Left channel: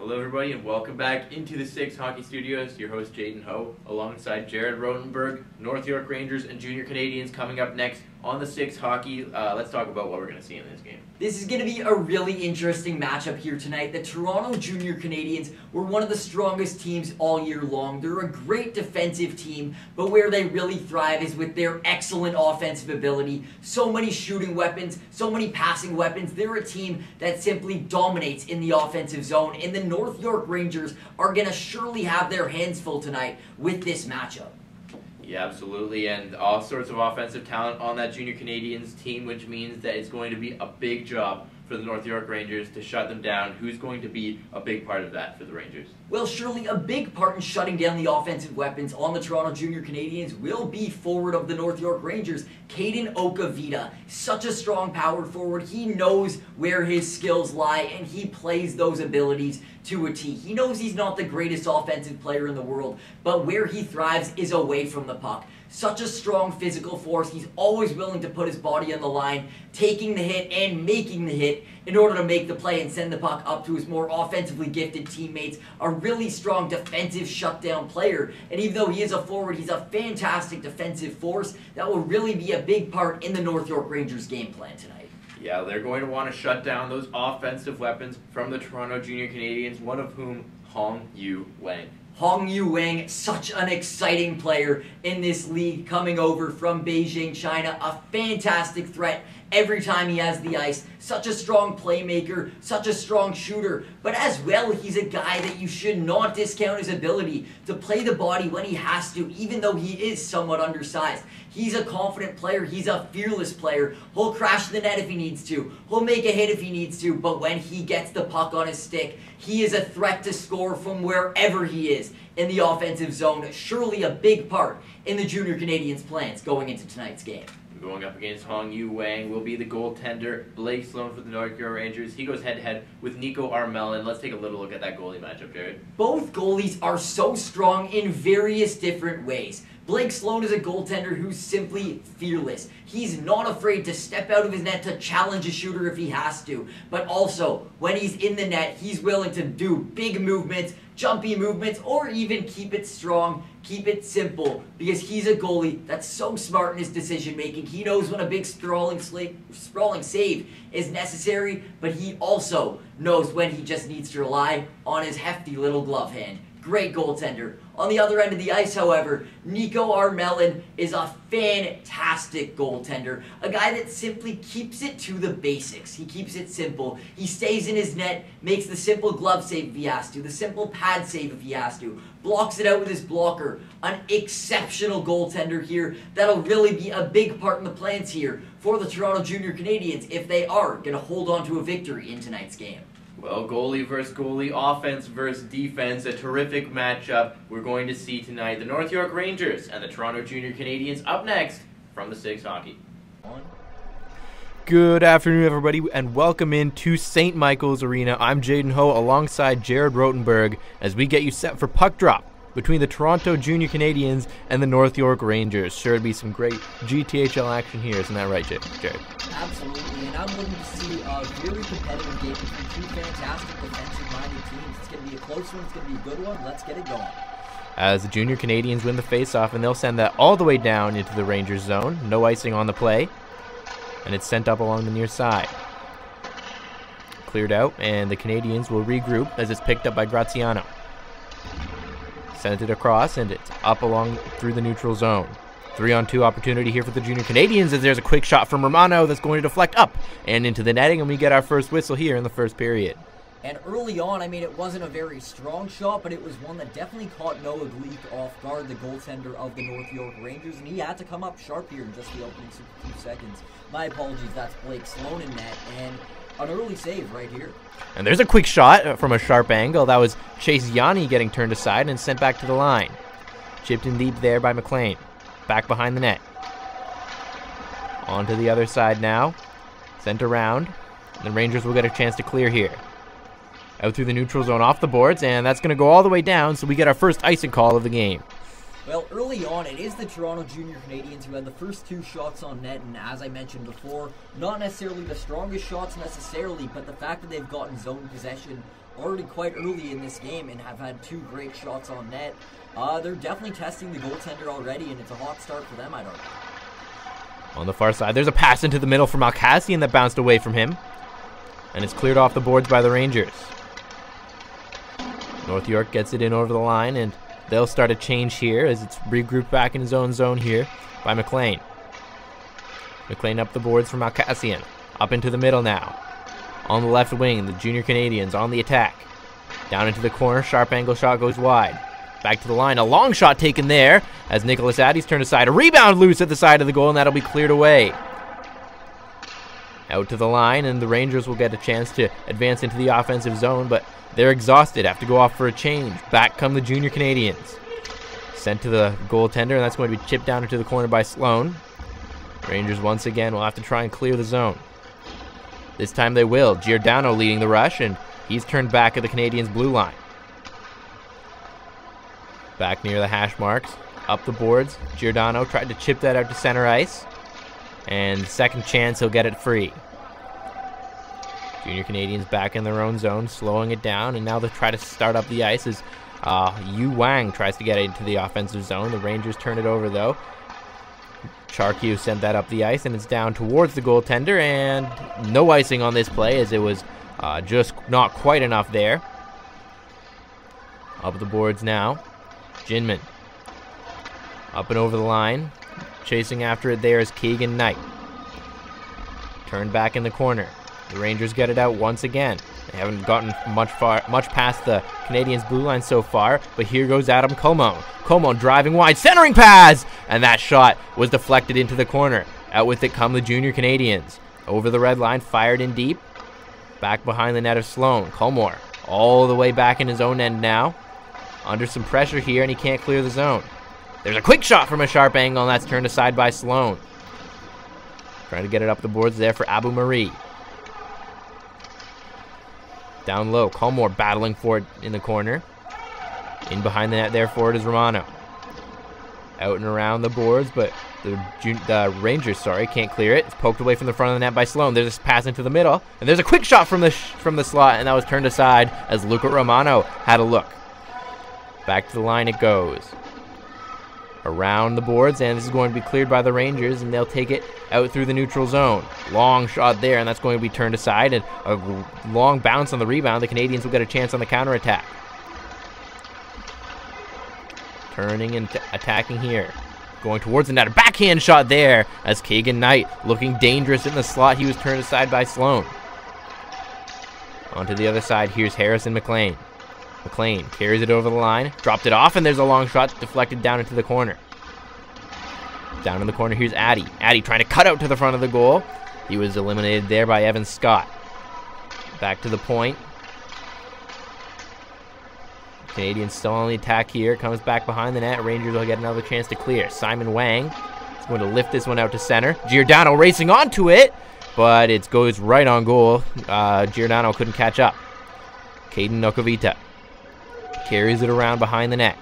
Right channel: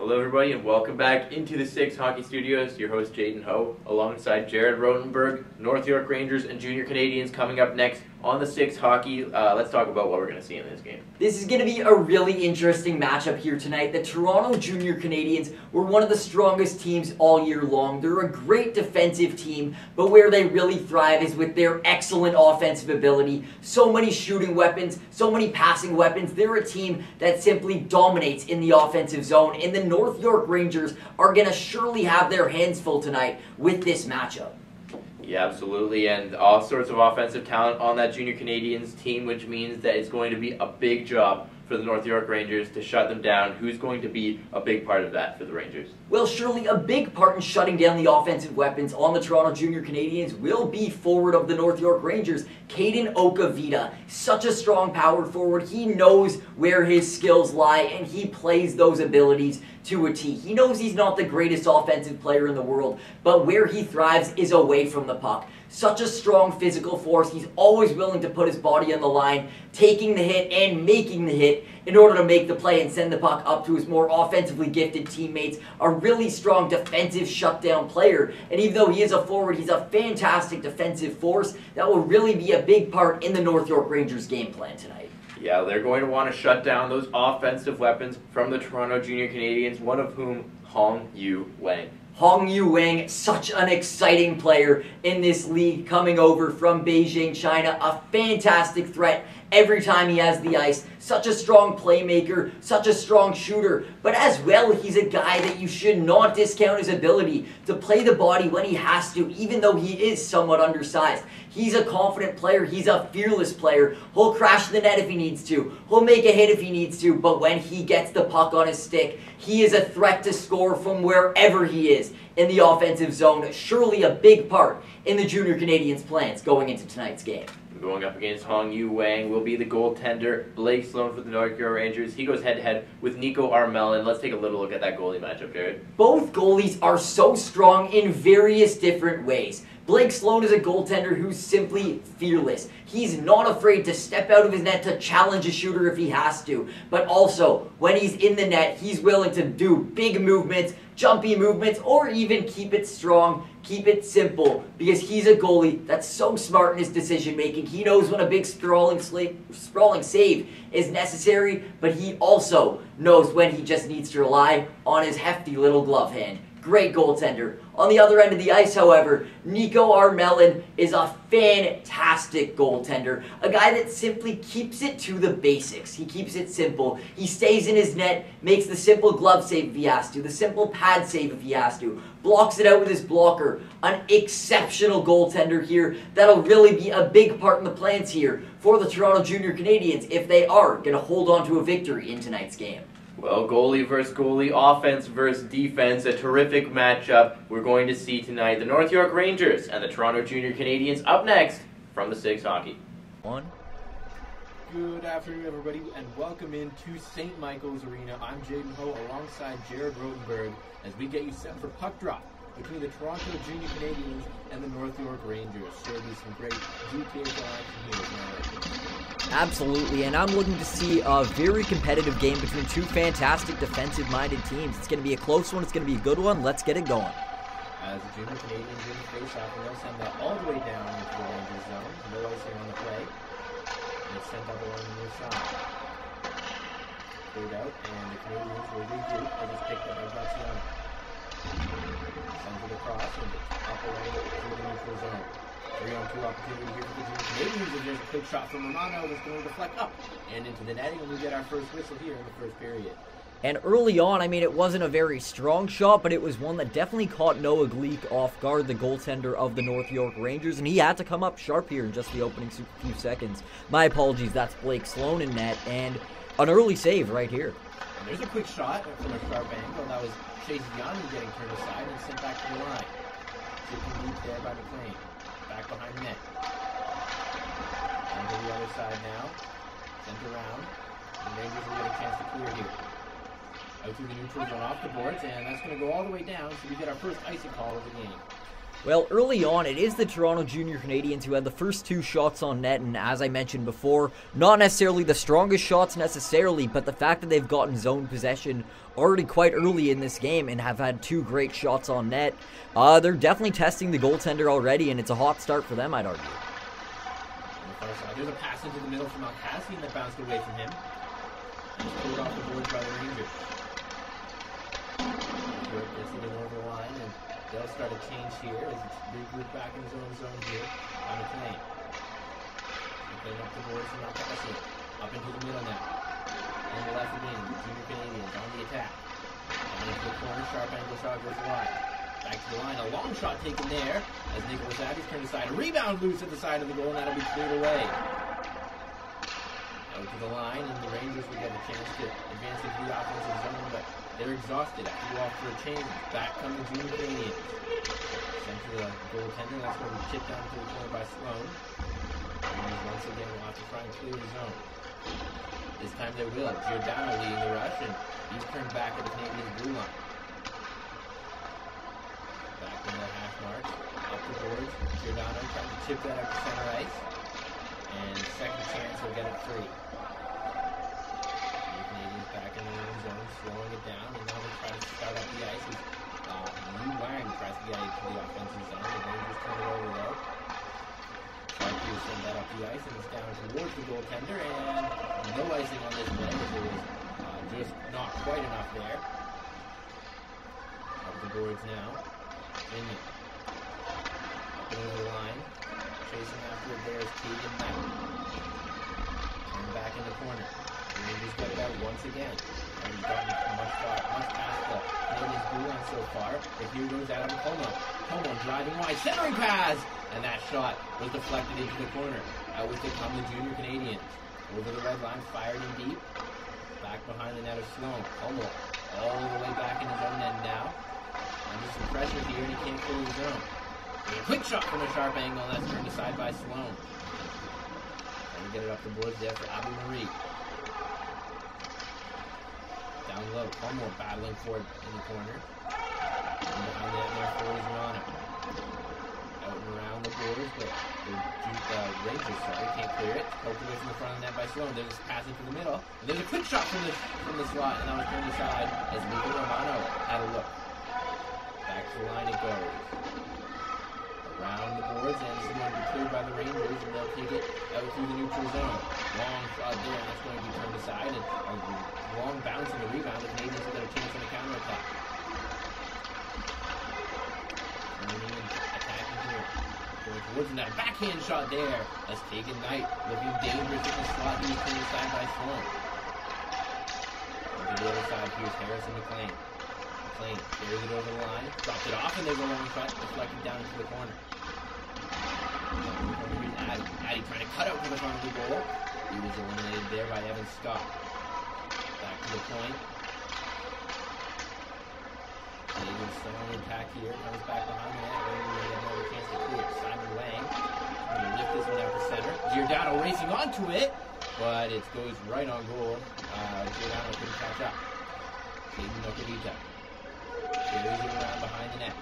Hello everybody and welcome back into the Six Hockey Studios. Your host Jaden Ho alongside Jared Rotenberg, North York Rangers and Junior Canadians coming up next on the Six Hockey. Let's talk about what we're going to see in this game. This is going to be a really interesting matchup here tonight. The Toronto Junior Canadians were one of the strongest teams all year long. They're a great defensive team, but where they really thrive is with their excellent offensive ability. So many shooting weapons, so many passing weapons. They're a team that simply dominates in the offensive zone, and the North York Rangers are going to surely have their hands full tonight with this matchup. Yeah, absolutely, and all sorts of offensive talent on that Junior Canadians team, which means that it's going to be a big job for the North York Rangers to shut them down. Who's going to be a big part of that for the Rangers? Well, surely a big part in shutting down the offensive weapons on the Toronto Junior Canadians will be forward of the North York Rangers, Caden Okavita. Such a strong power forward. He knows where his skills lie, and he plays those abilities to a T. He knows he's not the greatest offensive player in the world, but where he thrives is away from the puck. Such a strong physical force. He's always willing to put his body on the line, taking the hit and making the hit in order to make the play and send the puck up to his more offensively gifted teammates. A really strong defensive shutdown player. And even though he is a forward, he's a fantastic defensive force that will really be a big part in the North York Rangers game plan tonight. Yeah, they're going to want to shut down those offensive weapons from the Toronto Junior Canadians, one of whom, Hong Yu Wang. Hong Yu Wang, such an exciting player in this league, coming over from Beijing, China. A fantastic threat every time he has the ice. Such a strong playmaker, such a strong shooter. But as well, he's a guy that you should not discount his ability to play the body when he has to, even though he is somewhat undersized. He's a confident player. He's a fearless player. He'll crash the net if he needs to. He'll make a hit if he needs to. But when he gets the puck on his stick, he is a threat to score from wherever he is in the offensive zone. Surely a big part in the Junior Canadians' plans going into tonight's game. Going up against Hong Yu Wang will be the goaltender, Blake Sloan for the North York Rangers. He goes head-to-head with Nico Armelin. Let's take a little look at that goalie matchup, Jared. Both goalies are so strong in various different ways. Blake Sloan is a goaltender who's simply fearless. He's not afraid to step out of his net to challenge a shooter if he has to. But also, when he's in the net, he's willing to do big movements, jumpy movements, or even keep it strong, keep it simple, because he's a goalie that's so smart in his decision making. He knows when a big sprawling save is necessary, but he also knows when he just needs to rely on his hefty little glove hand. Great goaltender. On the other end of the ice, however, Nico Armelin is a fantastic goaltender. A guy that simply keeps it to the basics. He keeps it simple. He stays in his net, makes the simple glove save if he has to, the simple pad save if he has to, blocks it out with his blocker. An exceptional goaltender here that'll really be a big part in the plans here for the Toronto Junior Canadians if they are going to hold on to a victory in tonight's game. Well, goalie versus goalie, offense versus defense, a terrific matchup we're going to see tonight. The North York Rangers and the Toronto Junior Canadians up next from the Six Hockey. Good afternoon, everybody, and welcome into St. Michael's Arena. I'm Jaden Ho alongside Jared Rotenberg as we get you set for puck drop between the Toronto Junior Canadians and the North York Rangers. Sure to be some great GTHL action here, isn't that right, Jared? Absolutely, and I'm looking to see a very competitive game between two fantastic defensive-minded teams. It's going to be a close one, it's going to be a good one. Let's get it going. As the Junior Canadians win the face-off, and they'll send that all the way down into the Rangers zone. No icing on the play, and it's sent up along the near side. Cleared out, and the Canadians will regroup as it's picked up by Graziano. Sends it across, and it's up along through the neutral zone. 3-on-2 opportunity here for the Junior Canadians as there's a quick shot from Romano that's going to deflect up and into the netting, and we get our first whistle here in the first period. And early on, I mean, it wasn't a very strong shot, but it was one that definitely caught Noah Gleek off guard, the goaltender of the North York Rangers, and he had to come up sharp here in just the opening few seconds. My apologies, that's Blake Sloan in net, and an early save right here. And there's a quick shot from a sharp angle. That was Chase Yanni getting turned aside and sent back to the line. Chipped in deep there by McLean. Back behind the net. On to the other side now. Sent around. The Rangers will get a chance to clear here. Out through the neutral zone off the boards, and that's going to go all the way down, so we get our first icing call of the game. Well, early on, it is the Toronto Junior Canadians who had the first 2 shots on net, and as I mentioned before, not necessarily the strongest shots necessarily, but the fact that they've gotten zone possession already quite early in this game and have had 2 great shots on net, they're definitely testing the goaltender already, and it's a hot start for them, I'd argue. On the far side, there's a pass into the middle from Alcassian that bounced away from him, and it's cleared off the boards by the Rangers. North York gets it in over the line, and they'll start a change here as it's regrouped back in his own zone here by McLean. McLean up the boards from Alcassian. Up into the middle now. On the left wing, the Junior Canadians on the attack. Down into the corner, sharp angle shot goes wide. Back to the line, a long shot taken there as Nicholas Addy's turned aside. A rebound loose at the side of the goal, and that'll be cleared away. Out to the line, and the Rangers will get a chance to advance into the offensive zone, but they're exhausted, have to go off for a change. Back come the Junior Canadians. Sent to the goaltender, and that's going to be chipped down into the corner by Sloan. Rangers once again will have to try and clear the zone. This time they will. Giordano leading the rush, and he's turned back at the Canadians' blue line. Back near the hash marks, up the boards. Giordano tried to chip that out to center ice, and second chance, he'll get it free. Junior Canadians back in their own zone, slowing it down, and now they'll try to start up the ice as Yu Wang tries to get it into the offensive zone. The Rangers turn it over, though. Charkyu sent that up the ice, and it's down towards the goaltender, and no icing on this play as it was just not quite enough there. Up the boards now. Jinman. Up and over the line. Chasing after it there is Keegan Knight. Turned back in the corner. The Rangers get it out once again. They haven't gotten much past the Canadians' blue line so far, but here goes Adam Como. Como driving wide, centering pass! And that shot was deflected into the corner. Out with it come the Junior Canadians. Over the red line, fired in deep. Back behind the net of Sloan. Colmore all the way back in his own end now. Under some pressure here, and he can't clear the zone. There's a quick shot from a sharp angle, and that's turned aside by Sloan. Trying to get it up the boards there for Abu Marie. Down low, Colmore battling for it in the corner. In behind the net there for it is Romano. Out and around the boards, but the Rangers, can't clear it. It's poked away from the front of the net by Sloan. There's a pass into the middle, and there's a quick shot from the slot, and that was turned aside as Luca Romano had a look. Back to the line it goes. Around the boards, and this is going to be cleared by the Rangers, and they'll take it out through the neutral zone. Long shot there, and that's going to be turned aside, and a long bounce on the rebound. The Canadians will get a chance on the counterattack. Turning and attacking here. Going towards the net. A backhand shot there as Keegan Knight looking dangerous in the slot. He was turned aside by Sloan. Onto the other side, here's Harrison McLean. McLean carries it over the line, dropped it off, and there's a long shot deflected down into the corner. Down in the corner, here's Addy. Addy trying to cut out to the front of the goal. He was eliminated there by Evan Scott. Back to the point. Canadians still on the attack here. Comes back behind the net. Rangers will get another chance to clear. Simon Wang is going to lift this one out to center. Giordano racing onto it, but it goes right on goal. Giordano couldn't catch up. Caden Nokovita carries it around behind the net.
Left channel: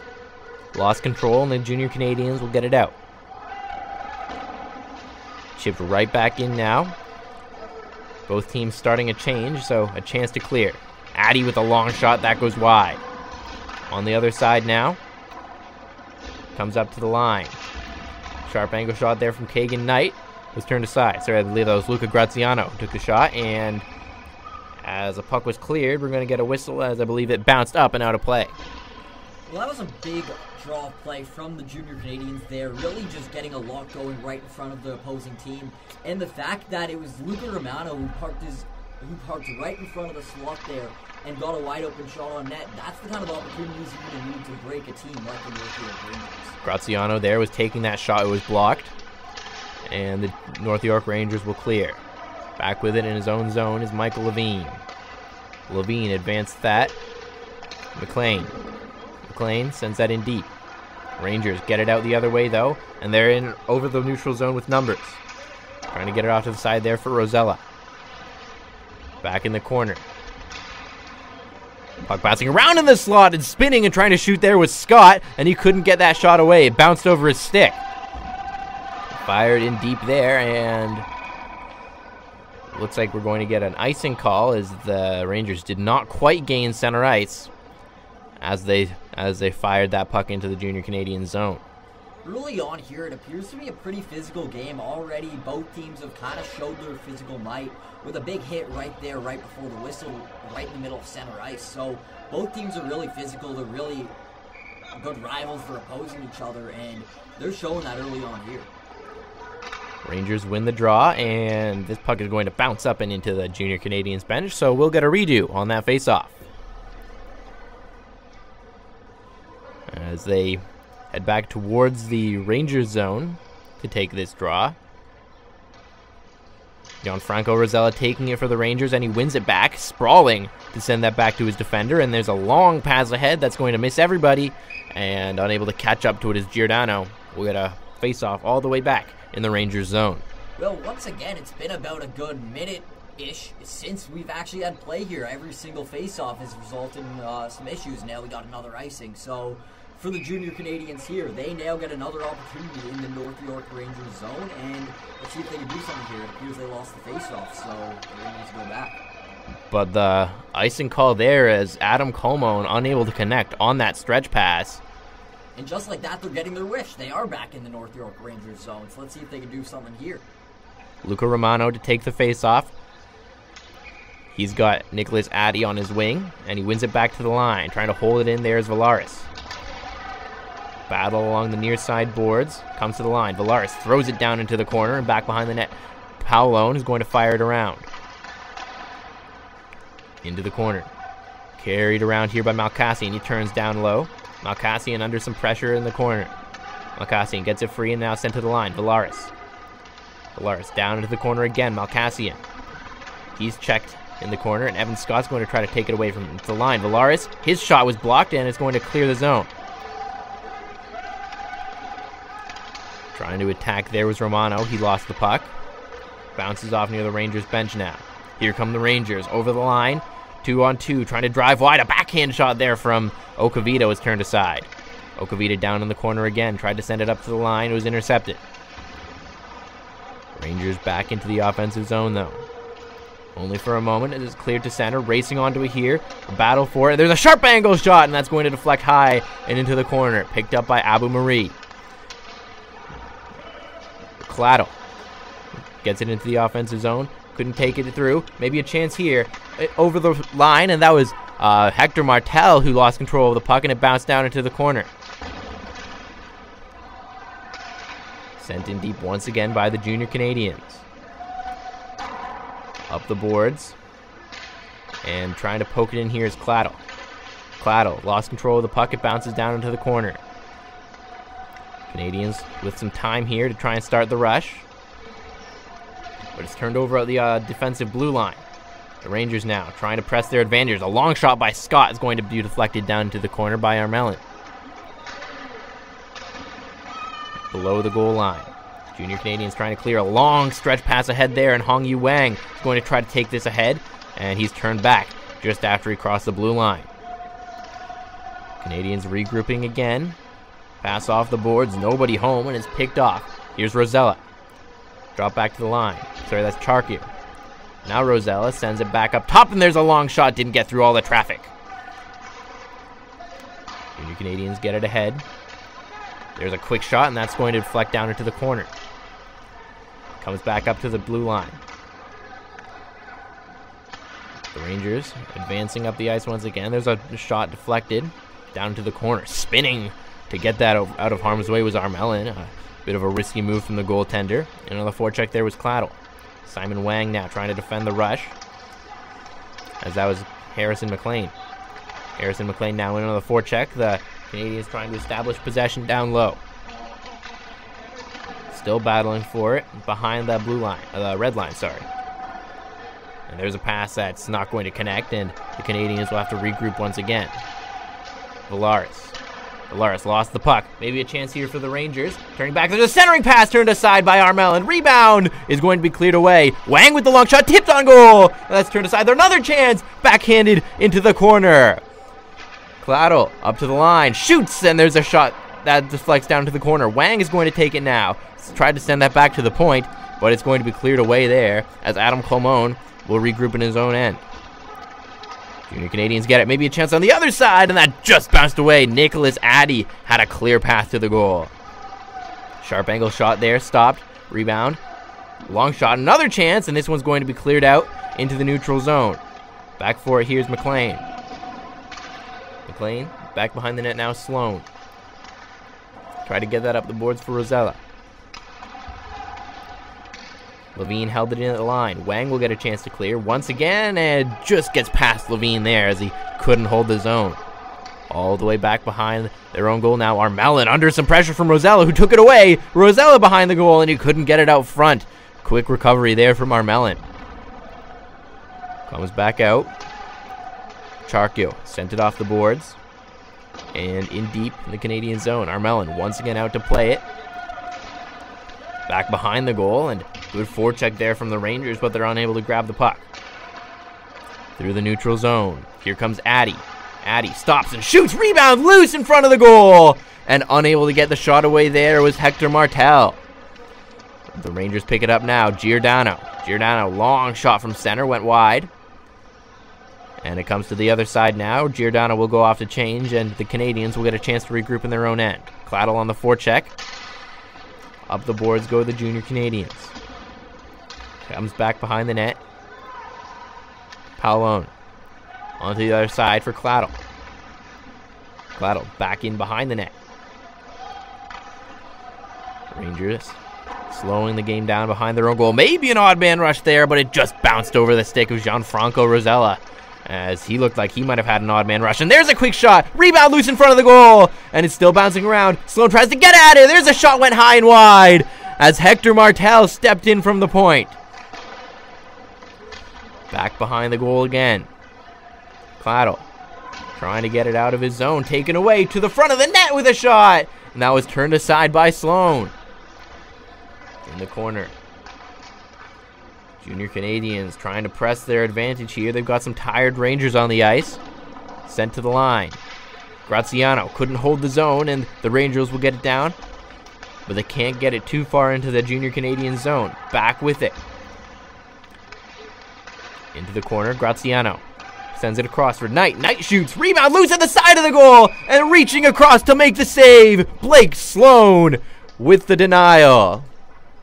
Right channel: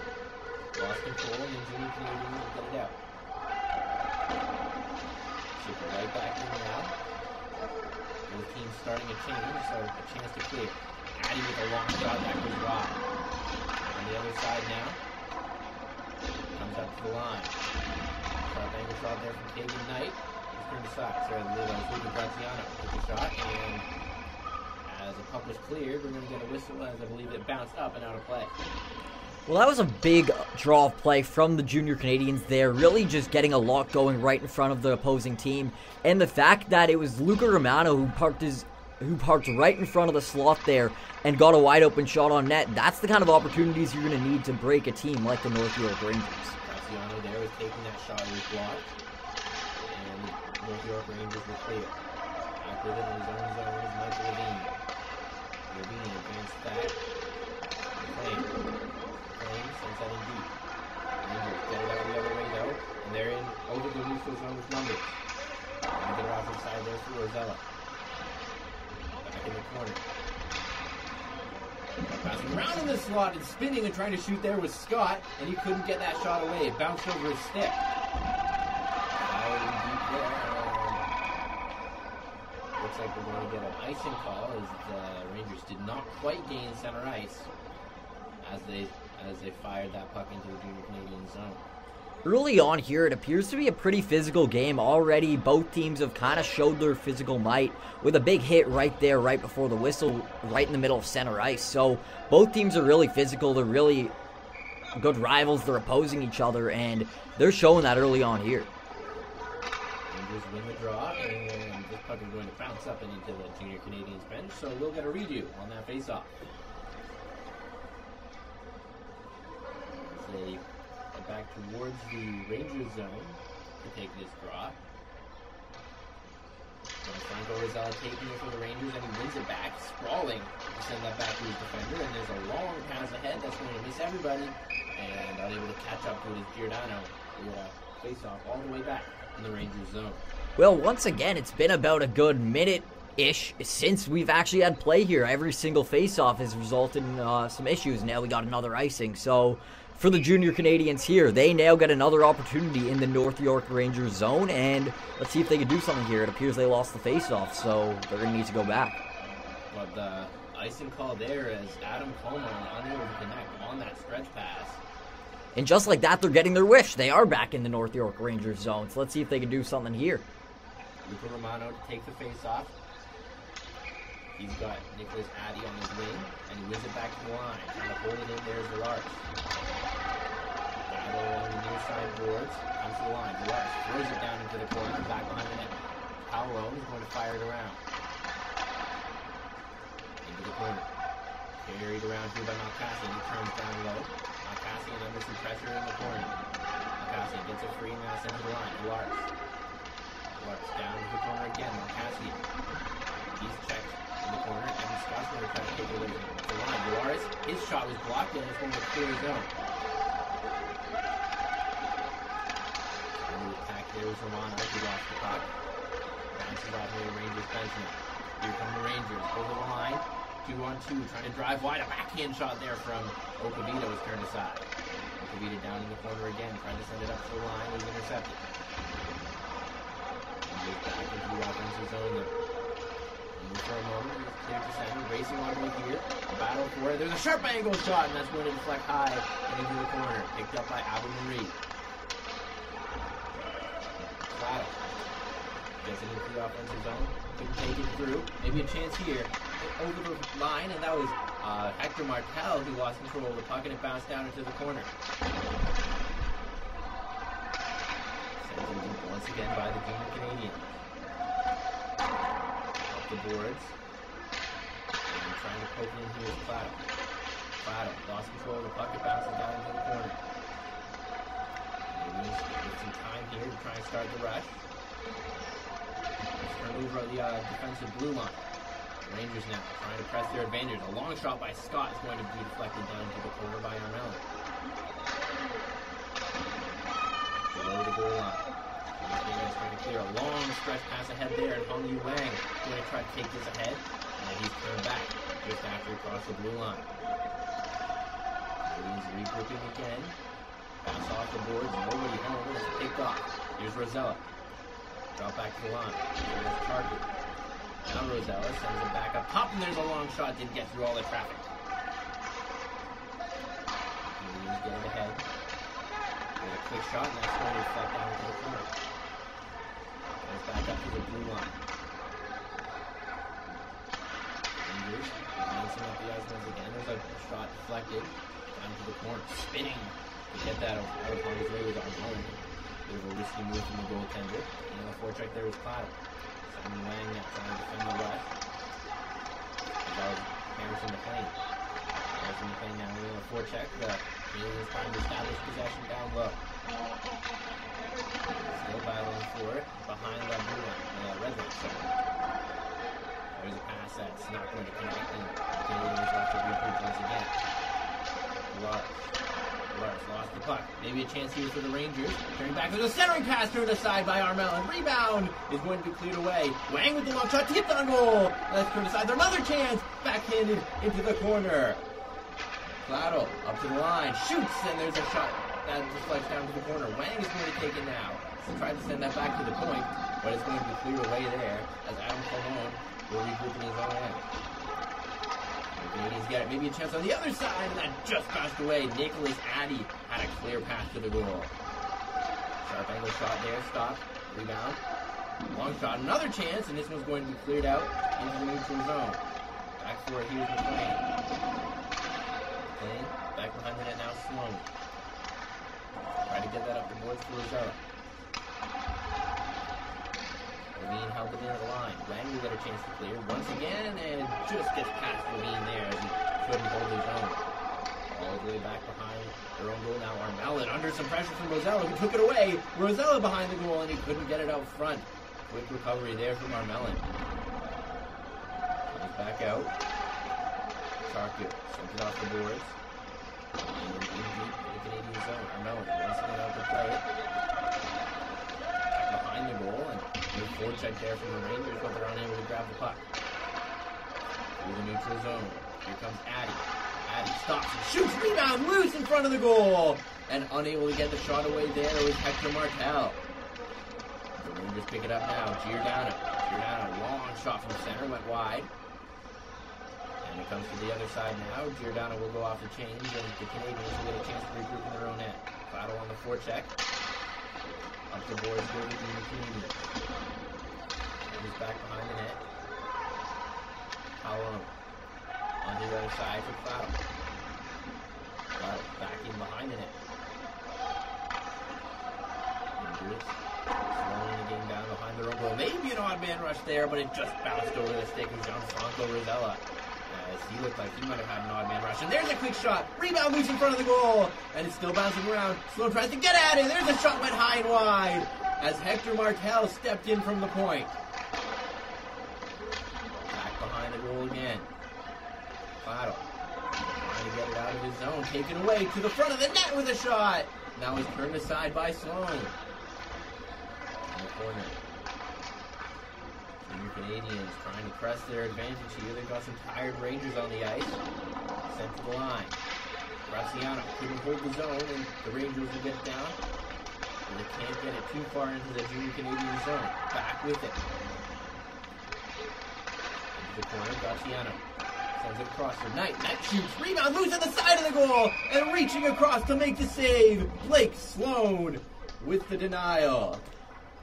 Lost control, and the Junior Canadians will get it out. Chipped right back in now. Both teams starting a change, so a chance to clear. Addy with a long shot, that goes wide. On the other side now. Comes up to the line. Sharp angle shot there from Keegan Knight. Was turned aside. Sorry, I believe that was Luca Graziano who took the shot, and as the puck was cleared, we're going to get a whistle as I believe it bounced up and out of play. Well, that was a big draw of play from the Junior Canadians there, really just getting a lot going right in front of the opposing team. And the fact that it was Luca Romano who parked right in front of the slot there and got a wide open shot on net, that's the kind of opportunities you're going to need to break a team like the North York Rangers. Graziano there was taking that shot, it was blocked, and the North York Rangers will clear. Back with it in his own zone is Michael Levine. Levine advanced that. McLean sends that in deep. Rangers get it out the other way though, and they're in over the neutral zone with numbers. Trying to get it off to the side there for Rosella. Back in the corner. Puck bouncing around in the slot and spinning and trying to shoot there was Scott, and he couldn't get that shot away. It bounced over his stick. Fired in deep there, and looks like we're going to get an icing call as the Rangers did not quite gain center ice as they fired that puck into the Junior Canadian zone. Early on here, it appears to be a pretty physical game already. Both teams have kind of showed their physical might with a big hit right there, right before the whistle, right in the middle of center ice. So both teams are really physical. They're really good rivals. They're opposing each other, and they're showing that early on here. Rangers win the draw, and this puck is going to bounce up and into the Junior Canadians bench, so we'll get a redo on that faceoff. As they head back towards the Rangers zone to take this draw. Gianfranco Rosella taking it for the Rangers, and he wins it back, sprawling to send that back to his defender, and there's a long pass ahead that's going to miss everybody, and unable to catch up to it is Giordano. We got a face-off all the way back in the Rangers zone. Well, once again, it's been about a good minute-ish since we've actually had play here. Every single face-off has resulted in some issues. Now we got another icing, so for the Junior Canadians here, they now get another opportunity in the North York Rangers zone, and let's see if they can do something here. It appears they lost the face-off, so they're going to need to go back. But the icing call there as Adam Colmone unable to connect on that stretch pass. And just like that, they're getting their wish. They are back in the North York Rangers zone, so let's see if they can do something here. Luca Romano to take the face-off. He's got Nicholas Addy on his wing, and he wins it back to the line. Trying to hold it in there is Valaris. Battle along the near side boards. Comes to the line. Valaris throws it down into the corner and back behind the net. Paolone is going to fire it around. Into the corner. Carried around here by Malkassian. He turns down low. Malkassian under some pressure in the corner. Malkassian gets it free and now sent to the line. Valaris. Valaris down into the corner again. Malkassian. He's checked in the corner, and Evan Scott's going to try to take it away from the line. Valaris, his shot was blocked, and it's going to clear the zone. Trying to attack there was Romano. He lost the puck. Bounces off near the Rangers bench now. Here come the Rangers over the line. 2-on-2, trying to drive wide. A backhand shot there from Okavita was turned aside. Okavita down in the corner again. Tried to send it up to the line. It was intercepted. Rangers back into the offensive zone, though. Only for a moment. It is cleared to center. Racing onto it here. A battle for it. There's a sharp angle shot, and that's going to deflect high and into the corner. Picked up by Abu Marie. Claddle gets it into the offensive zone. Couldn't take it through. Maybe a chance here over the line, and that was Hector Martel who lost control of the puck, and it bounced down into the corner. Sent in deep once again by the Junior Canadians. Up the boards. And trying to poke it in here is Claddle. Claddle lost control of the puck. It bounces down into the corner. Canadians with some time here to try and start the rush. But it's turned over at the defensive blue line. The Rangers now trying to press their advantage. A long shot by Scott is going to be deflected down into the corner by Armelin. Below the goal line. Junior Canadians trying to clear a long stretch pass ahead there, and Hong Yu Wang is going to try to take this ahead, and he's turned back just after he crossed the blue line. Canadians regrouping again. Pass off the boards, nobody home, and it's picked off. Here's Rosella. Drop back to the line. Sorry, that's Charkier. Now Rosella sends it back up top, and there's a long shot. Didn't get through all the traffic. Junior Canadians get it ahead. There's a quick shot, and that's going to deflect down into the corner. Comes back up to the blue line. The Rangers advancing up the ice once again. There's a shot deflected down to the corner. Spinning to get that out of harm's way was Armelin. A bit of a risky move from the goaltender. And on the forecheck there was Claddle. Simon Wang now trying to defend the rush. As that was Harrison McLean. Harrison McLean now in on the forecheck. The Canadians trying to establish possession down low. Still battling for it behind the blue line, red line, sorry. And there's a pass that's not going to connect, and the Canadians will have to regroup once again. Valaris lost the puck. Maybe a chance here for the Rangers. Turning back, there's a centering pass turned aside by Armelin. Rebound is going to be cleared away. Wang with the long shot, tipped on goal. That's turned aside. There's another chance, backhanded into the corner. Claddle up to the line, shoots, and there's a shot that deflects down to the corner. Wang is going to take it now. He's tried to send that back to the point, but it's going to be cleared away there as Adam Colmone will regroup in his own end. Junior Canadians get it. Maybe a chance on the other side, and that just bounced away. Nicholas Addy had a clear path to the goal. Sharp angle shot there, stopped. Rebound. Long shot, another chance, and this one's going to be cleared out into the neutral zone. Back for it, here's McLean. McLean, back behind the net now, Sloan. Try to get that up the boards for Rosella. Levine held it in at the line. Wang will get a chance to clear once again, and just gets past Levine there as he couldn't hold the zone. All the way back behind their own goal now. Armelin under some pressure from Rosella, who took it away. Rosella behind the goal, and he couldn't get it out front. Quick recovery there from Armelin. Comes back out. Charkio sent it off the boards. And in deep in the Canadian zone. Armelin once again out to play it. Back behind the goal, and good forecheck there from the Rangers, but they're unable to grab the puck. Through the neutral zone. Here comes Addy. Addy stops and shoots. Rebound loose in front of the goal. And unable to get the shot away there was Hector Martel. The Rangers pick it up now. Giordano. Giordano, long shot from center, went wide. And it comes to the other side now. Giordano will go off to change, and the Canadians will get a chance to regroup in their own end. Claddle on the forecheck. Up the boards go the Junior Canadians. Comes back behind the net. Paolone. Onto the other side for Claddle. Claddle back in behind the net. Rangers slowing the game down behind their own goal. Maybe an odd man rush there, but it just bounced over the stick of Gianfranco Rosella, as he looked like he might have had an odd man rush. And there's a quick shot. Rebound loose in front of the goal, and it's still bouncing around. Sloan tries to get at it. There's a shot, went high and wide as Hector Martel stepped in from the point. Back behind the goal again. Claddle trying to get it out of his zone, taken away to the front of the net with a shot, and that was turned aside by Sloan. In the corner, Junior Canadians trying to press their advantage here. They've got some tired Rangers on the ice. Sent to the line. Graziano couldn't hold the zone, and the Rangers will get it down, but they can't get it too far into the Junior Canadian zone. Back with it. Into the corner, Graziano sends it across for Knight. Knight shoots, rebound loose at the side of the goal, and reaching across to make the save, Blake Sloan with the denial.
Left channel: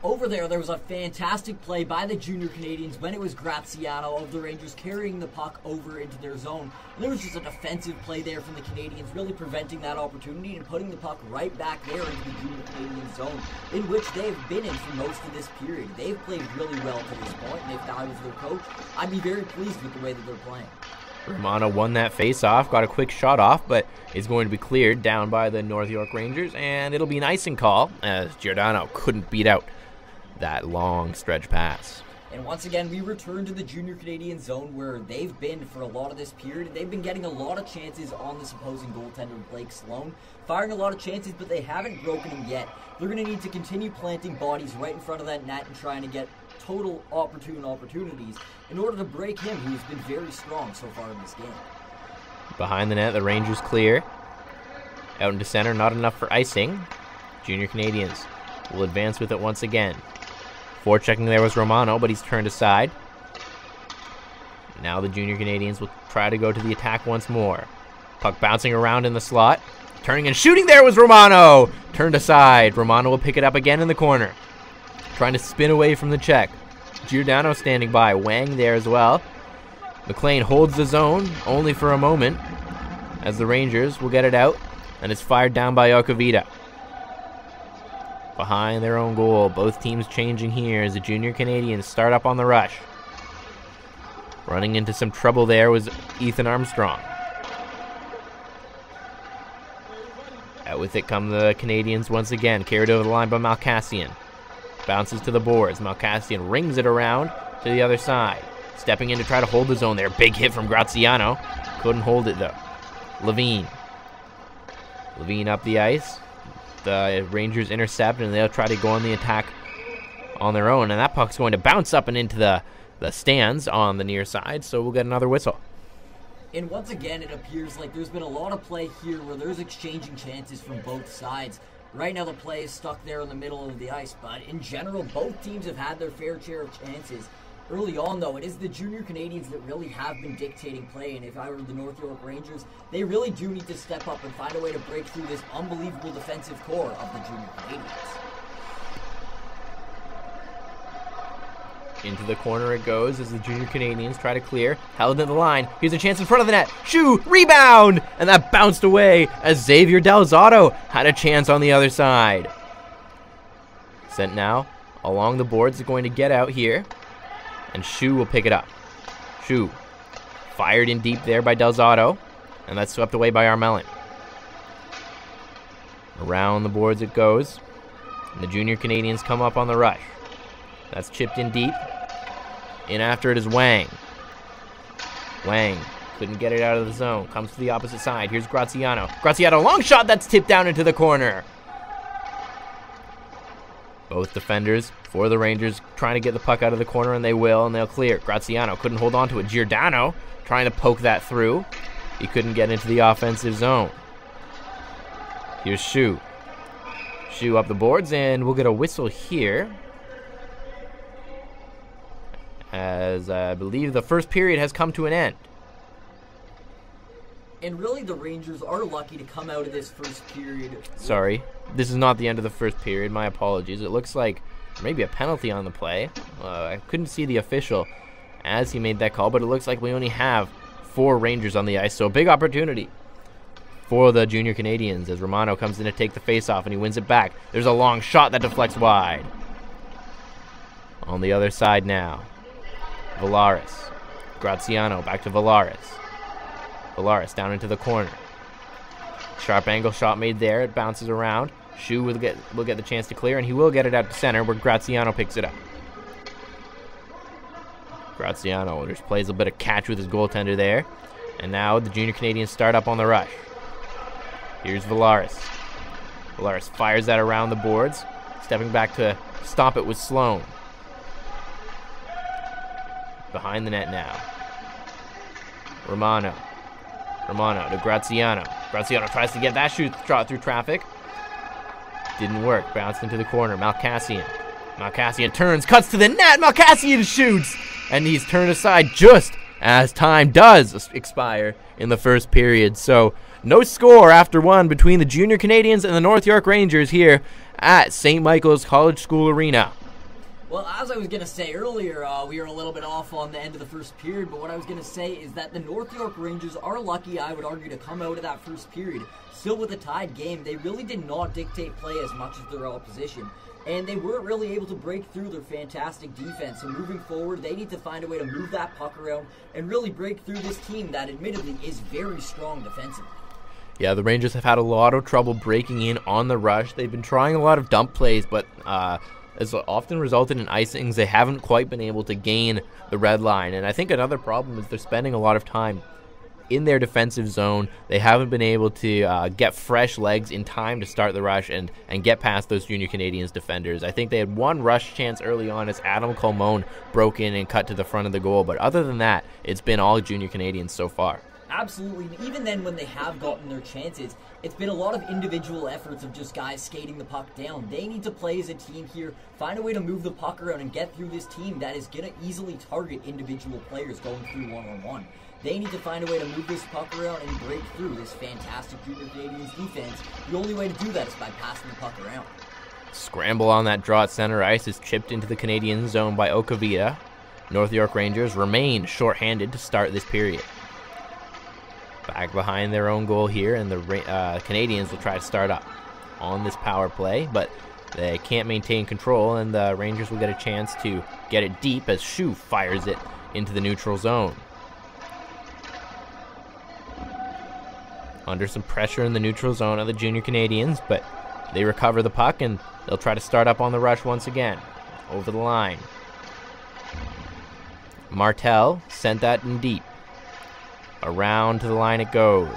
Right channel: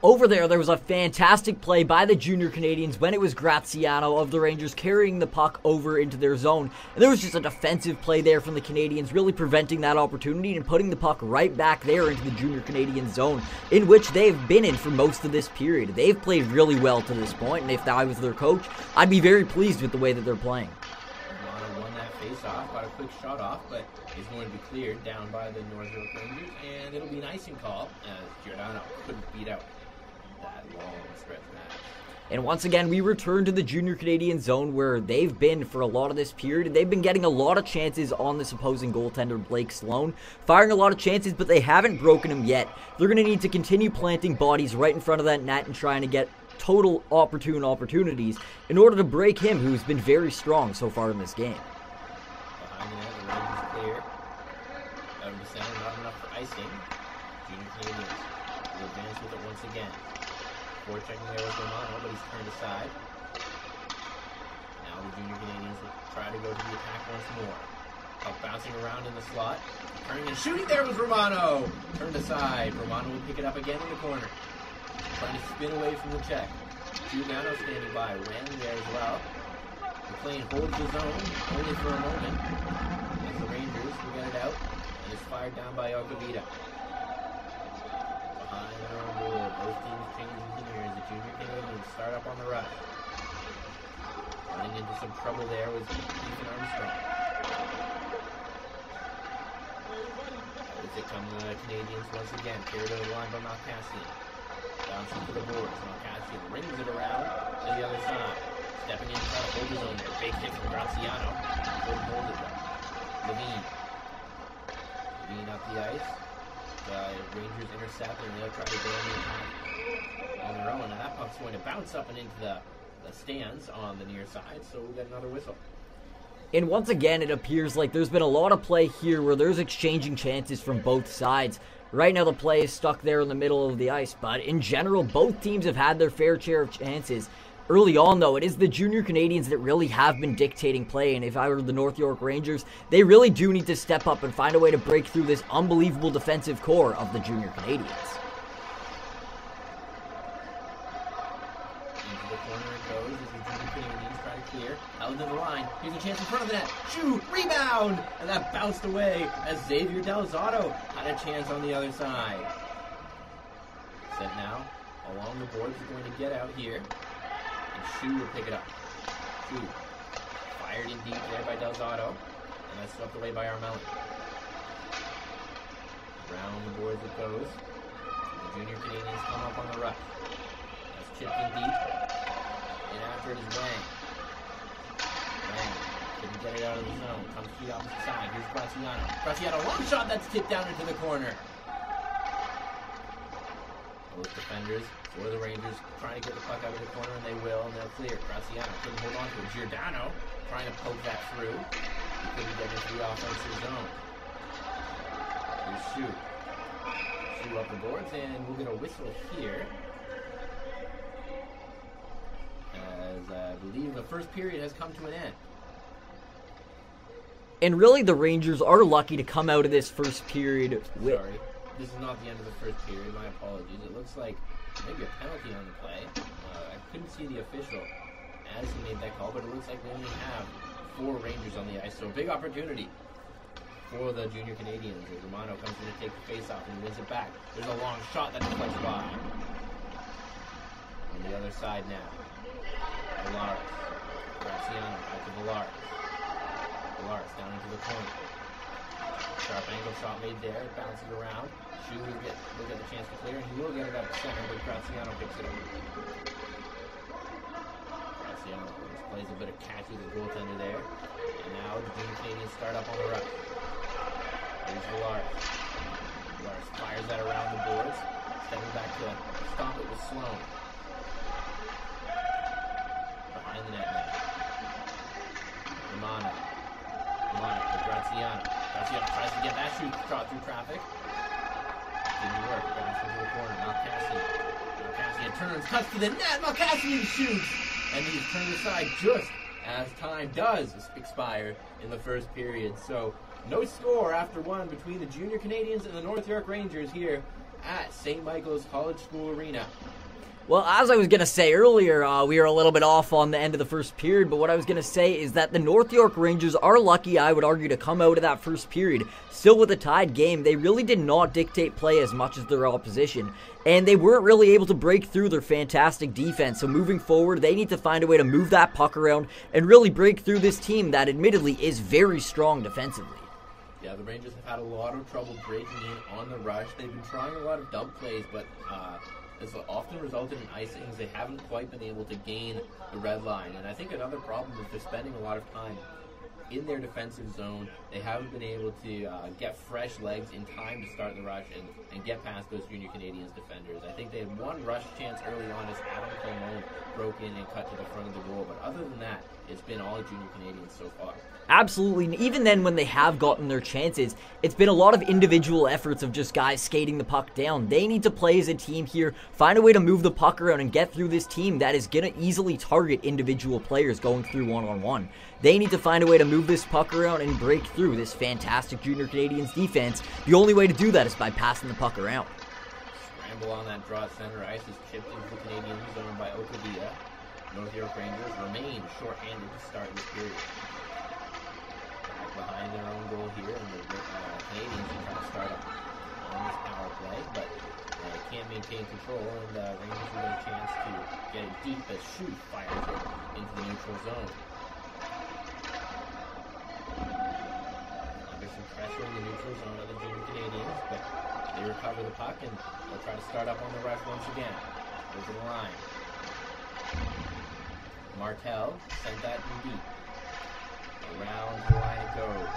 Over there was a fantastic play by the Junior Canadians when it was Graziano of the Rangers carrying the puck over into their zone. And there was just a defensive play there from the Canadians, really preventing that opportunity and putting the puck right back there into the Junior Canadian zone, in which they've been in for most of this period. They've played really well to this point, and if I was their coach, I'd be very pleased with the way that they're playing. Romano won that face-off, got a quick shot off, but is going to be cleared down by the North York Rangers, and it'll be an icing call as Giordano couldn't beat out that long stretch pass. And once again, we return to the Junior Canadian zone where they've been for a lot of this period. They've been getting a lot of chances on this opposing goaltender, Blake Sloan, firing a lot of chances, but they haven't broken him yet. They're going to need to continue planting bodies right in front of that net and trying to get total opportunities in order to break him, who's been very strong so far in this game. Behind the net, the Rangers clear. Out into center, not enough for icing. Junior Canadians will advance with it once again. Forechecking there was Romano, but he's turned aside. Now the Junior Canadians will try to go to the attack once more. Puck bouncing around in the slot. Turning and shooting there was Romano! Turned aside. Romano will pick it up again in the corner. Trying to spin away from the check. Giordano standing by. Wang there as well. McLean holds the zone only for a moment as the Rangers will get it out, and it's fired down by Okavita. Behind their own goal, both teams changing here as the Junior Canadians start up on the rush. Running into some trouble there was Ethan Armstrong. Out with it come the Canadians once again, carried over the line by Malkassian. Bounces to the boards. Malkassian rings it around to the other side. Stepping in to try to hold the zone there. Big hit from Graziano. Couldn't hold it though. Levine. Levine up the ice. The Rangers intercept, and they'll try to go on the attack on their own. And that puck's going to bounce up and into the stands on the near side, so we'll get another whistle. And once again, it appears like there's been a lot of play here where there's exchanging chances from both sides. Right now the play is stuck there in the middle of the ice, but in general, both teams have had their fair share of chances. Early on, though, it is the Junior Canadians that really have been dictating play, and if I were the North York Rangers, they really do need to step up and find a way to break through this unbelievable defensive core of the Junior Canadians. Into the corner it goes as the Junior Canadians try to clear. Held in the line. Here's a chance in front of the net. Shoot! Rebound! And that bounced away as Xavier Delzato had a chance on the other side. Sent now along the boards, is going to get out here. And Shu will pick it up. Shu fired in deep there by Delzato. And that's swept away by Armelin. Around the boards it goes. And the Junior Canadians come up on the rush. That's chipped in deep. In after it is Wang. Wang couldn't get it out of the zone. Comes to the opposite side. Here's Graziano. Graziano, long shot that's tipped down into the corner. Both defenders for the Rangers trying to get the puck out of the corner, and they will, and they'll clear. Graziano couldn't hold on to it. Giordano trying to poke that through. He couldn't get into the offensive zone. Here's Shu. Shu up the boards, and we'll get a whistle here, as I believe the first period has come to an end. And really, the Rangers are lucky to come out of this first period. Sorry, this is not the end of the first period. My apologies. It looks like maybe a penalty on the play. I couldn't see the official as he made that call, but it looks like we only have 4 Rangers on the ice, so a big opportunity for the Junior Canadians as Romano comes in to take the face-off, and he wins it back. There's a long shot that deflects wide. On the other side now, Villaris. Graziano back to Villaris. Villaris down into the corner. Sharp angle shot made there. It bounces around. Shu will get the chance to clear, and he will get it out to center where Graziano picks it up. Graziano just plays a bit of catch with his goaltender there. And now the Junior Canadians start up on the rush. Here's Villaris. Villaris fires that around the boards. Stepping back to stop it with Sloan. Behind the net now. Romano to Graziano. Graziano tries to get that shot through traffic. Didn't work. Bounced into the corner. Malkassian turns, cuts to the net. Malkassian shoots. And he's turned aside just as time does expire in the first period. So no score after one between the Junior Canadians and the North York Rangers here at St. Michael's College School Arena. Well, as I was going to say earlier, we were a little bit off on the end of the first period, but what I was going to say is that the North York Rangers are lucky, I would argue, to come out of that first period. Still with a tied game, they really did not dictate play as much as their opposition, and they weren't really able to break through their fantastic defense. So moving forward, they need to find a way to move that puck around and really break through this team that admittedly is very strong defensively. Yeah, the Rangers have had a lot of trouble breaking in on the rush. They've been trying a lot of dump plays, but has often resulted in icings. They haven't quite been able to gain the red line. And I think another problem is they're spending a lot of time in their defensive zone. They haven't been able to get fresh legs in time to start the rush and get past those Junior Canadians defenders. I think they had one rush chance early on as Adam Colmone broke in and cut to the front of the goal. But other than that, it's been all Junior Canadians so far. Absolutely, and even then when they have gotten their chances, it's been a lot of individual efforts of just guys skating the puck down. They need to play as a team here, find a way to move the puck around and get through this team that is going to easily target individual players going through one-on-one. They need to find a way to move this puck around and break through this fantastic Junior Canadians defense. The only way to do that is by passing the puck around. Scramble on that draw at center ice is chipped into the Canadian zone by Okavita. North York Rangers remain shorthanded to start this period. Back behind their own goal here, and the Canadians will try to start up on this power play, but they can't maintain control, and the Rangers will get a chance to get it deep as Shu fires it into the neutral zone. Under some pressure in the neutral zone of the Junior Canadians, but they recover the puck, and they'll try to start up on the rush once again. Over the line. Martel sent that in deep. Around to the line it goes.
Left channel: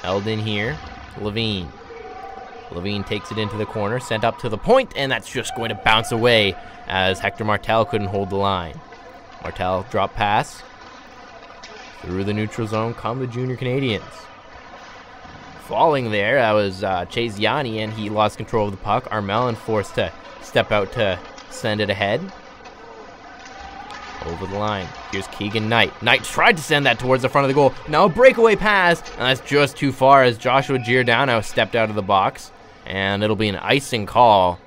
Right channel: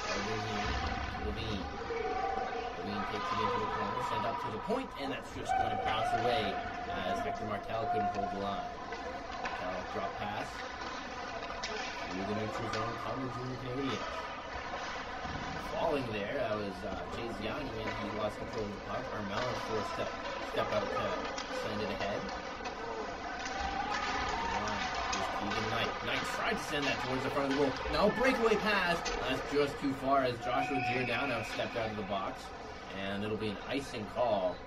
Held in here. Levine. Levine takes it into the corner, sent up to the point, and that's just going to bounce away as Hector Martel couldn't hold the line. Martel drop pass. Through the neutral zone come the Junior Canadians. Falling there, that was Chase Yanni, and he lost control of the puck. Armelin forced to step out to send it ahead. Over the line. Here's Keegan Knight. Knight tried to send that towards the front of the goal. Now a breakaway pass, and that's just too far as Joshua Giordano stepped out of the box. And it'll be an icing call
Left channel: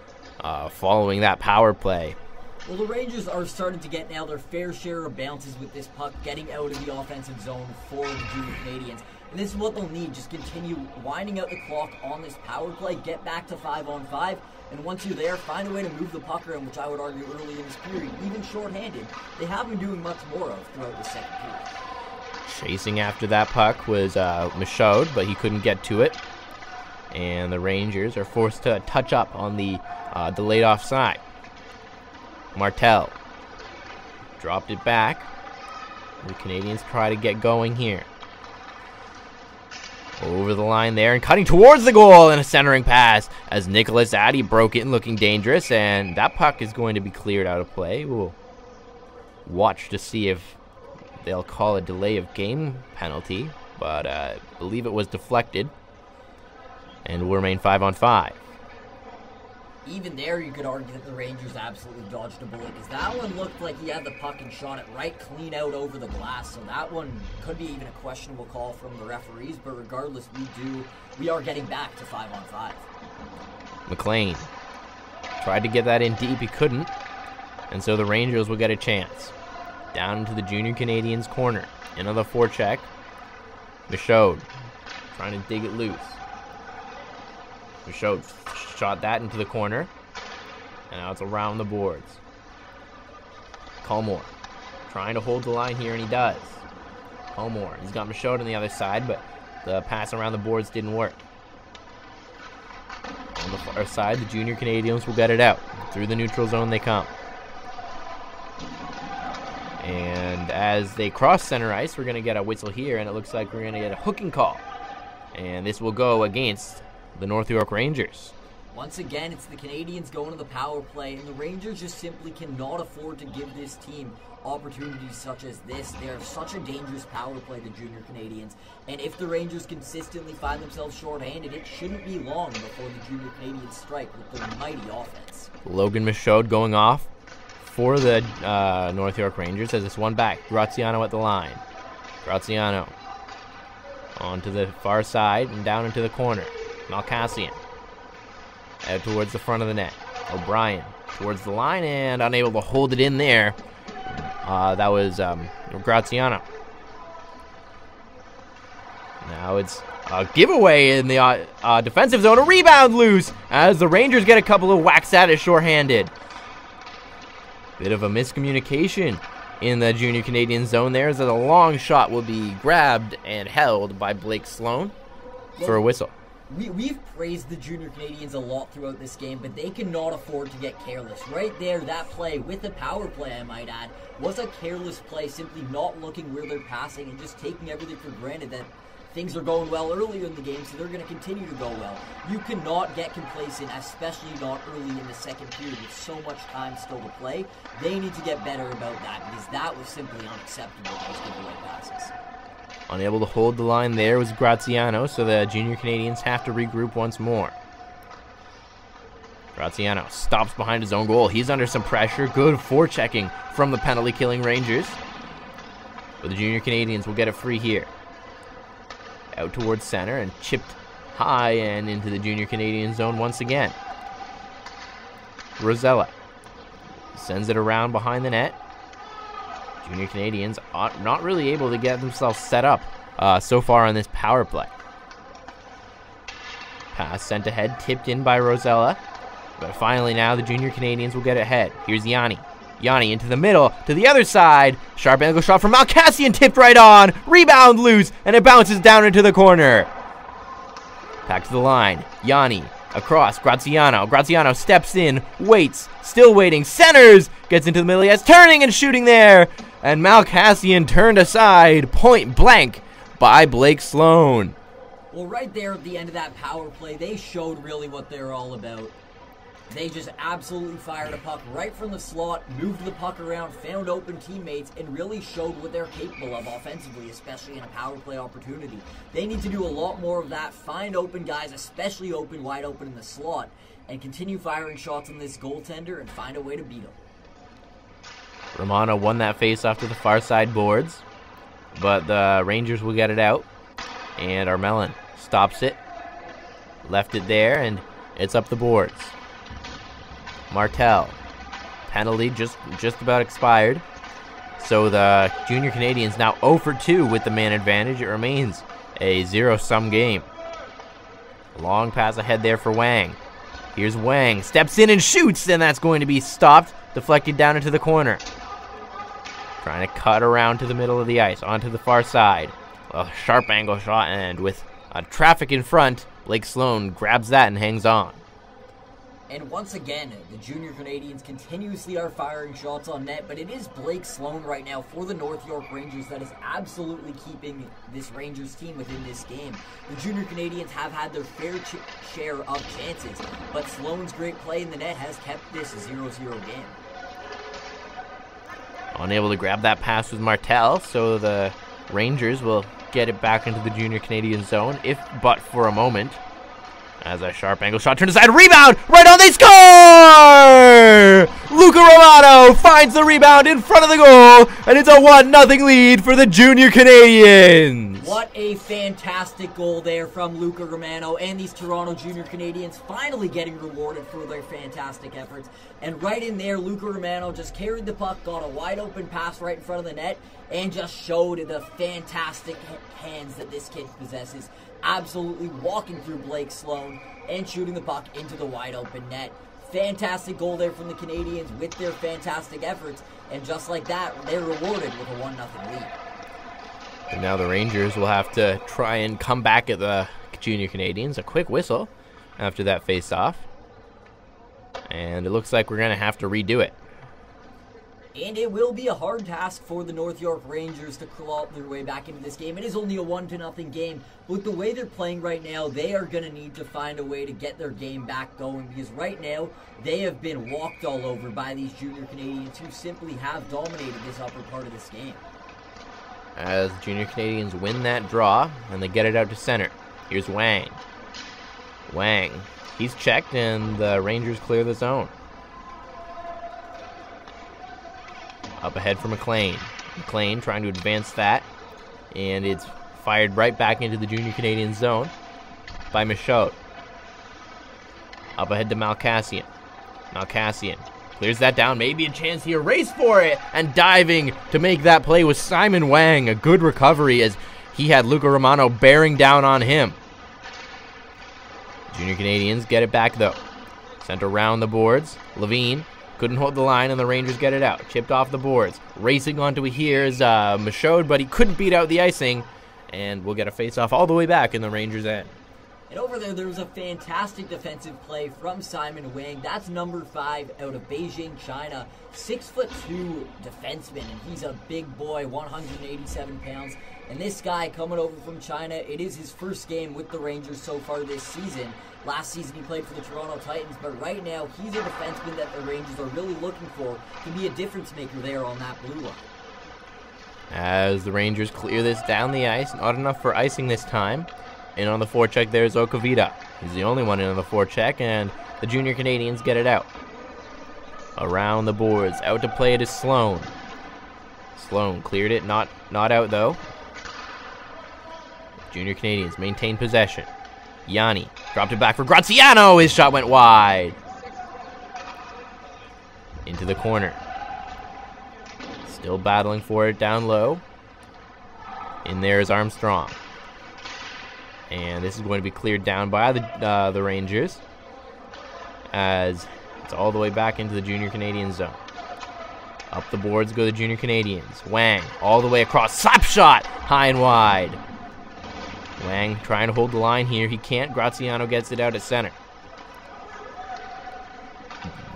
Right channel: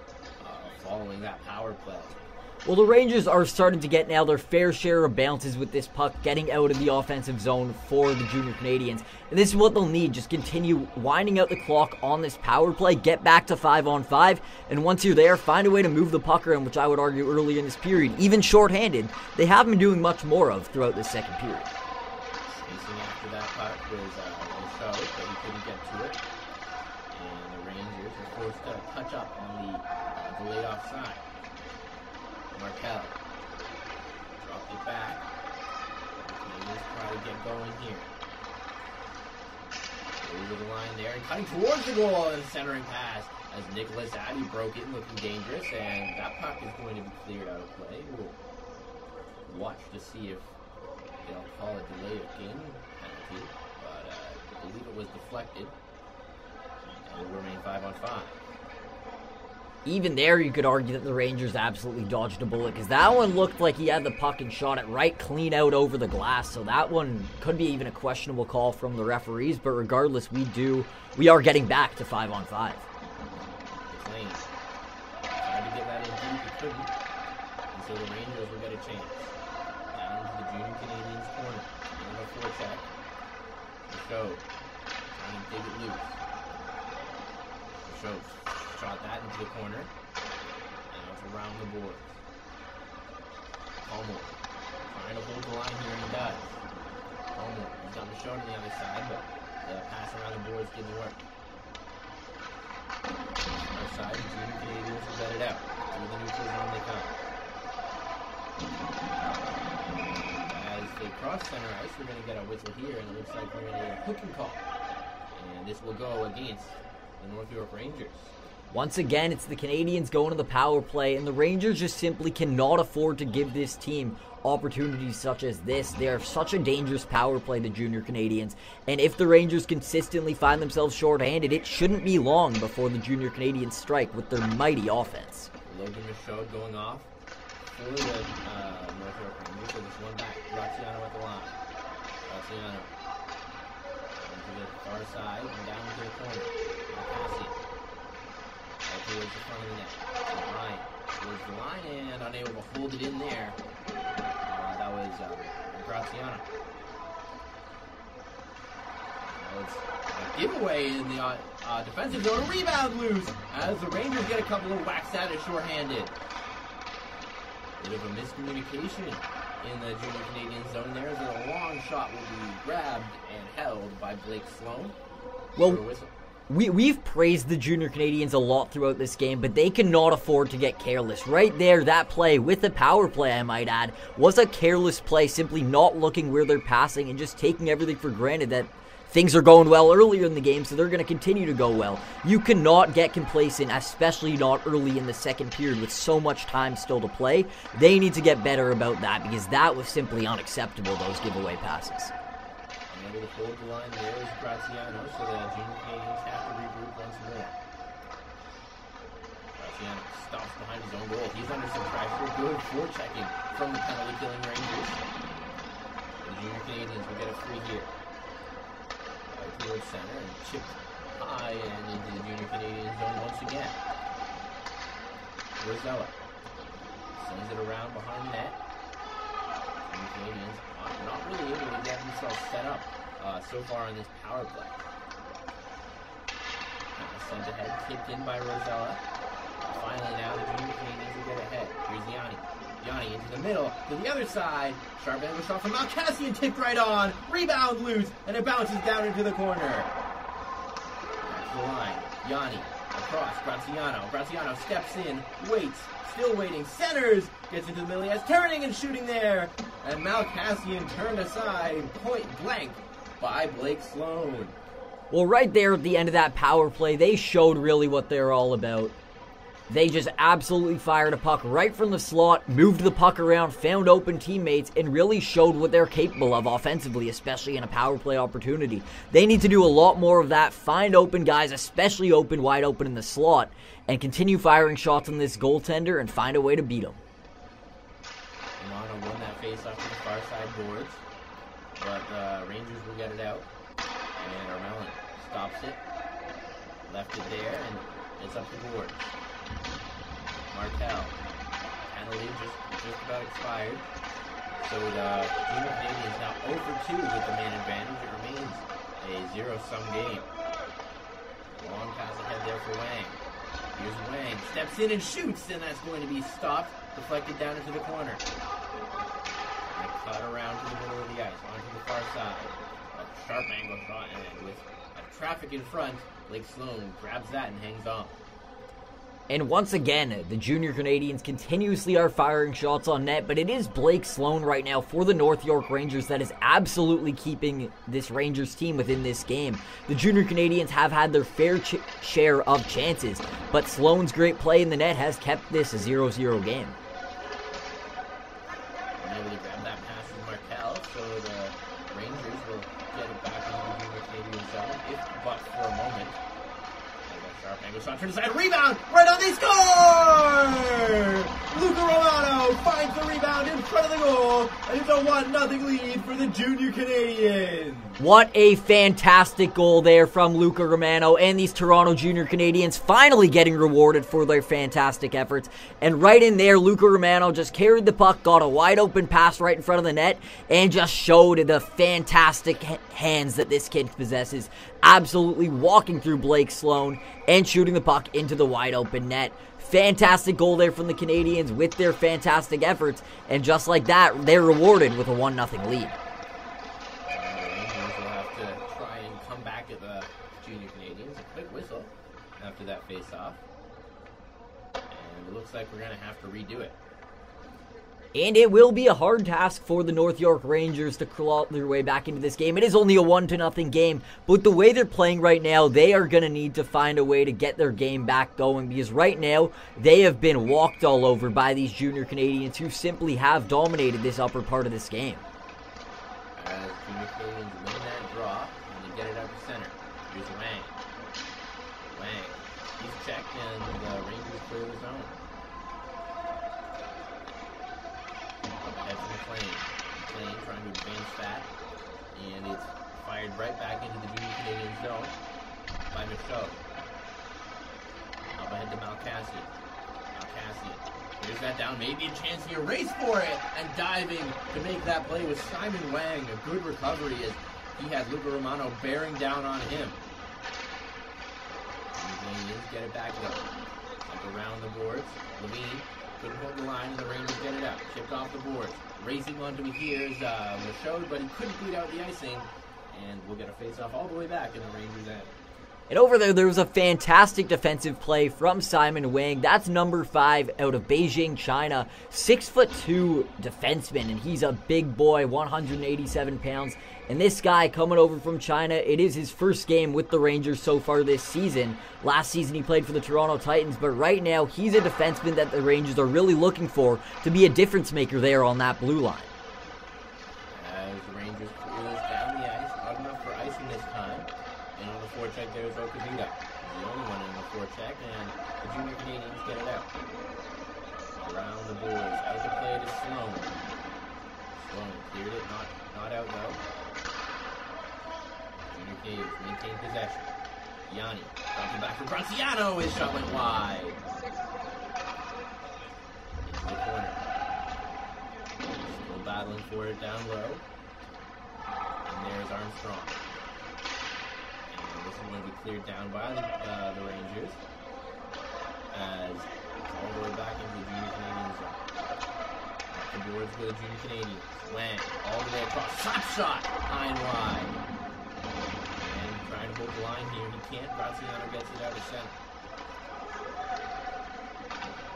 following that power play. Well, the Rangers are starting to get now their fair share of bounces with this puck getting out of the offensive zone for the Junior Canadians. And this is what they'll need. Just continue winding out the clock on this power play, get back to 5-on-5, and once you're there, find a way to move the puck around, which I would argue early in this period, even shorthanded, they haven't been doing much more of throughout the second period. Chasing after that puck was Michaud, but he couldn't get to it. And the Rangers are forced to touch up on the delayed offside. Martel dropped it back. The Canadians try to get going here. Over the line there and cutting towards the goal, and a centering pass as Nicholas Addy broke it and looking dangerous, and that puck is going to be cleared out of play. We'll watch to see if they'll call a delay of game penalty, but I believe it was deflected and will remain 5-on-5. Even there, you could argue that the Rangers absolutely dodged a bullet, because that one looked like he had the puck and shot it right clean out over the glass, so that one could be even a questionable call from the referees, but regardless, we are getting back to 5-on-5. McLean tried to get that in deep, he couldn't, and so the Rangers will get a chance. Down into the Junior Canadians corner, into the forecheck. Michaud trying to dig it loose. Michaud shot that into the corner. Now it's around the boards. Colmore trying to hold the line here, and he does. Colmore, he's got Michaud on the other side, but the pass around the boards didn't work. On the far side, the Junior Canadians will get it out. Through the neutral zone they come. And as they cross center ice, we're going to get a whistle here, and it looks like we're going to get a hooking call. And this will go against the North York Rangers. Once again, it's the Canadians going to the power play, and the Rangers just simply cannot afford to give this team opportunities such as this. They're such a dangerous power play, the Junior Canadians, and if the Rangers consistently find themselves shorthanded, it shouldn't be long before the Junior Canadians strike with their mighty offense. Logan Michaud going off for the North York Rangers as it's one back. Graziano at the line. Graziano onto the far side and down into the corner. Malkassian out towards the front of the net. O'Brien towards the line and unable to hold it in there. That was Graziano. Now it's a giveaway in the defensive zone. A rebound loose as the Rangers get a couple of whacks at it shorthanded. Bit of a miscommunication in the Junior Canadian zone there, as a long shot will be grabbed and held by Blake Sloan for a whistle. We've praised the Junior Canadians a lot throughout this game, but they cannot afford to get careless. Right there, that play, with the power play I might add, was a careless play, simply not looking where they're passing and just taking everything for granted that things are going well earlier in the game, so they're going to continue to go well. You cannot get complacent, especially not early in the second period with so much time still to play. They need to get better about that, because that was simply unacceptable, those giveaway passes. Unable to hold the line there was Graziano, so the Junior Canadians have to regroup once more. Graziano stops behind his own goal. He's under some pressure. Good forechecking from the penalty-killing Rangers. But the Junior Canadians will get it free here. Out towards center and chipped high and into the Junior Canadian zone once again. Rosella sends it around behind the net. Junior Canadians are not really able to get themselves set up so far on this power play. Pass sent ahead, tipped in by Rosella. But finally now the Junior Canadians will get ahead. Here's Yanni. Yanni into the middle, to the other side. Sharp angle shot from Malkassian, tipped right on. Rebound loose, and it bounces down into the corner. Back to the line. Yanni across. Graziano. Graziano steps in, waits, still waiting, centers, gets into the middle. He has turning and shooting there. And Malkassian turned aside, point blank, by Blake Sloan. Well, right there at the end of that power play, they showed really what they're all about. They just absolutely fired a puck right from the slot, moved the puck around, found open teammates, and really showed what they're capable of offensively, especially in a power play opportunity. They need to do a lot more of that, find open guys, especially wide open in the slot, and continue firing shots on this goaltender and find a way to beat him. Romano won that face-off to the far side boards, but the Rangers will get it out, and Armelin stops it, left it there, and it's up the boards. Martel. Penalty just about expired. So the Junior Canadians now 0 for 2 with the man advantage. It remains a zero-sum game. Long pass ahead there for Wang. Here's Wang. Steps in and shoots, and that's going to be stopped. Deflected down into the corner. Trying to cut around to the middle of the ice, onto the far side. A sharp angle shot, and with traffic in front, Blake Sloan grabs that and hangs on. And once again, the Junior Canadians continuously are firing shots on net, but it is Blake Sloan right now for the North York Rangers that is absolutely keeping this Rangers team within this game. The Junior Canadians have had their fair share of chances, but Sloan's great play in the net has kept this a 0-0 game. Unable to grab that pass with Martel, so the Rangers will get it back into the Junior Canadian zone, if but for a moment. As a sharp angle shot turned aside, rebound, right on, they score! Luca Romano finds the rebound in front of the goal, and it's a 1-0 lead for the Junior Canadians. What a fantastic goal there from Luca Romano, and these Toronto Junior Canadians finally getting rewarded for their fantastic efforts. And right in there, Luca Romano just carried the puck, got a wide open pass right in front of the net, and just showed the fantastic hands that this kid possesses. Absolutely walking through Blake Sloan and shooting the puck into the wide open net. Fantastic goal there from the Canadians with their fantastic efforts, and just like that, they're rewarded with a 1-0 lead. And now the Rangers will have to try and come back at the Junior Canadians. A quick whistle after that face-off. And it looks like we're going to have to redo it. And it will be a hard task for the North York Rangers to claw their way back into this game. It is only a 1-0 game, but the way they're playing right now, they are going to need to find a way to get their game back going, because right now, they have been walked all over by these Junior Canadians who simply have dominated this upper part of this game. As Junior Canadians win that draw, and they get it out to center. Here's Wang. Wang. He's checked, and the Rangers clear the zone. Up ahead for McLean. McLean trying to advance that, and it's fired right back into the Junior Canadian zone by Michaud. Up ahead to Malkassian. Malkassian clears that down, maybe a chance here, race for it, and diving to make that play was Simon Wang. A good recovery as he had Luca Romano bearing down on him. Junior Canadians get it back though. Sent around the boards. Levine couldn't hold the line, and the Rangers get it out. Chipped off the boards. Racing onto it here is Michaud, but he couldn't beat out the icing, and we'll get a face-off all the way back in the Rangers' end. And over there was a fantastic defensive play from Simon Wang. That's number 5 out of Beijing, China. 6'2" defenseman, and he's a big boy, 187 pounds. And this guy coming over from China, it is his first game with the Rangers so far this season. Last season he played for the Toronto Titans, but right now he's a defenseman that the Rangers are really looking for to be a difference maker there on that blue line. As the Rangers clear this down the ice, not enough for icing this time. And on the forecheck there's Okavita. He's the only one in on the forecheck, and the Junior Canadians get it out. Around the boards, out to play it is Sloan. Sloan cleared it, not out though. Junior Canadians maintain possession. Yanni dropped it back for Graziano. His shot went wide. Into the corner. Still battling for it down low. In there is Armstrong. And this is going to be cleared down by the Rangers, as it's all the way back into the Junior Canadian zone. Up the boards go the Junior Canadians. Wang all the way across. Slap shot high and wide. Wang trying to hold the line here. He can't. Graziano gets it out at center.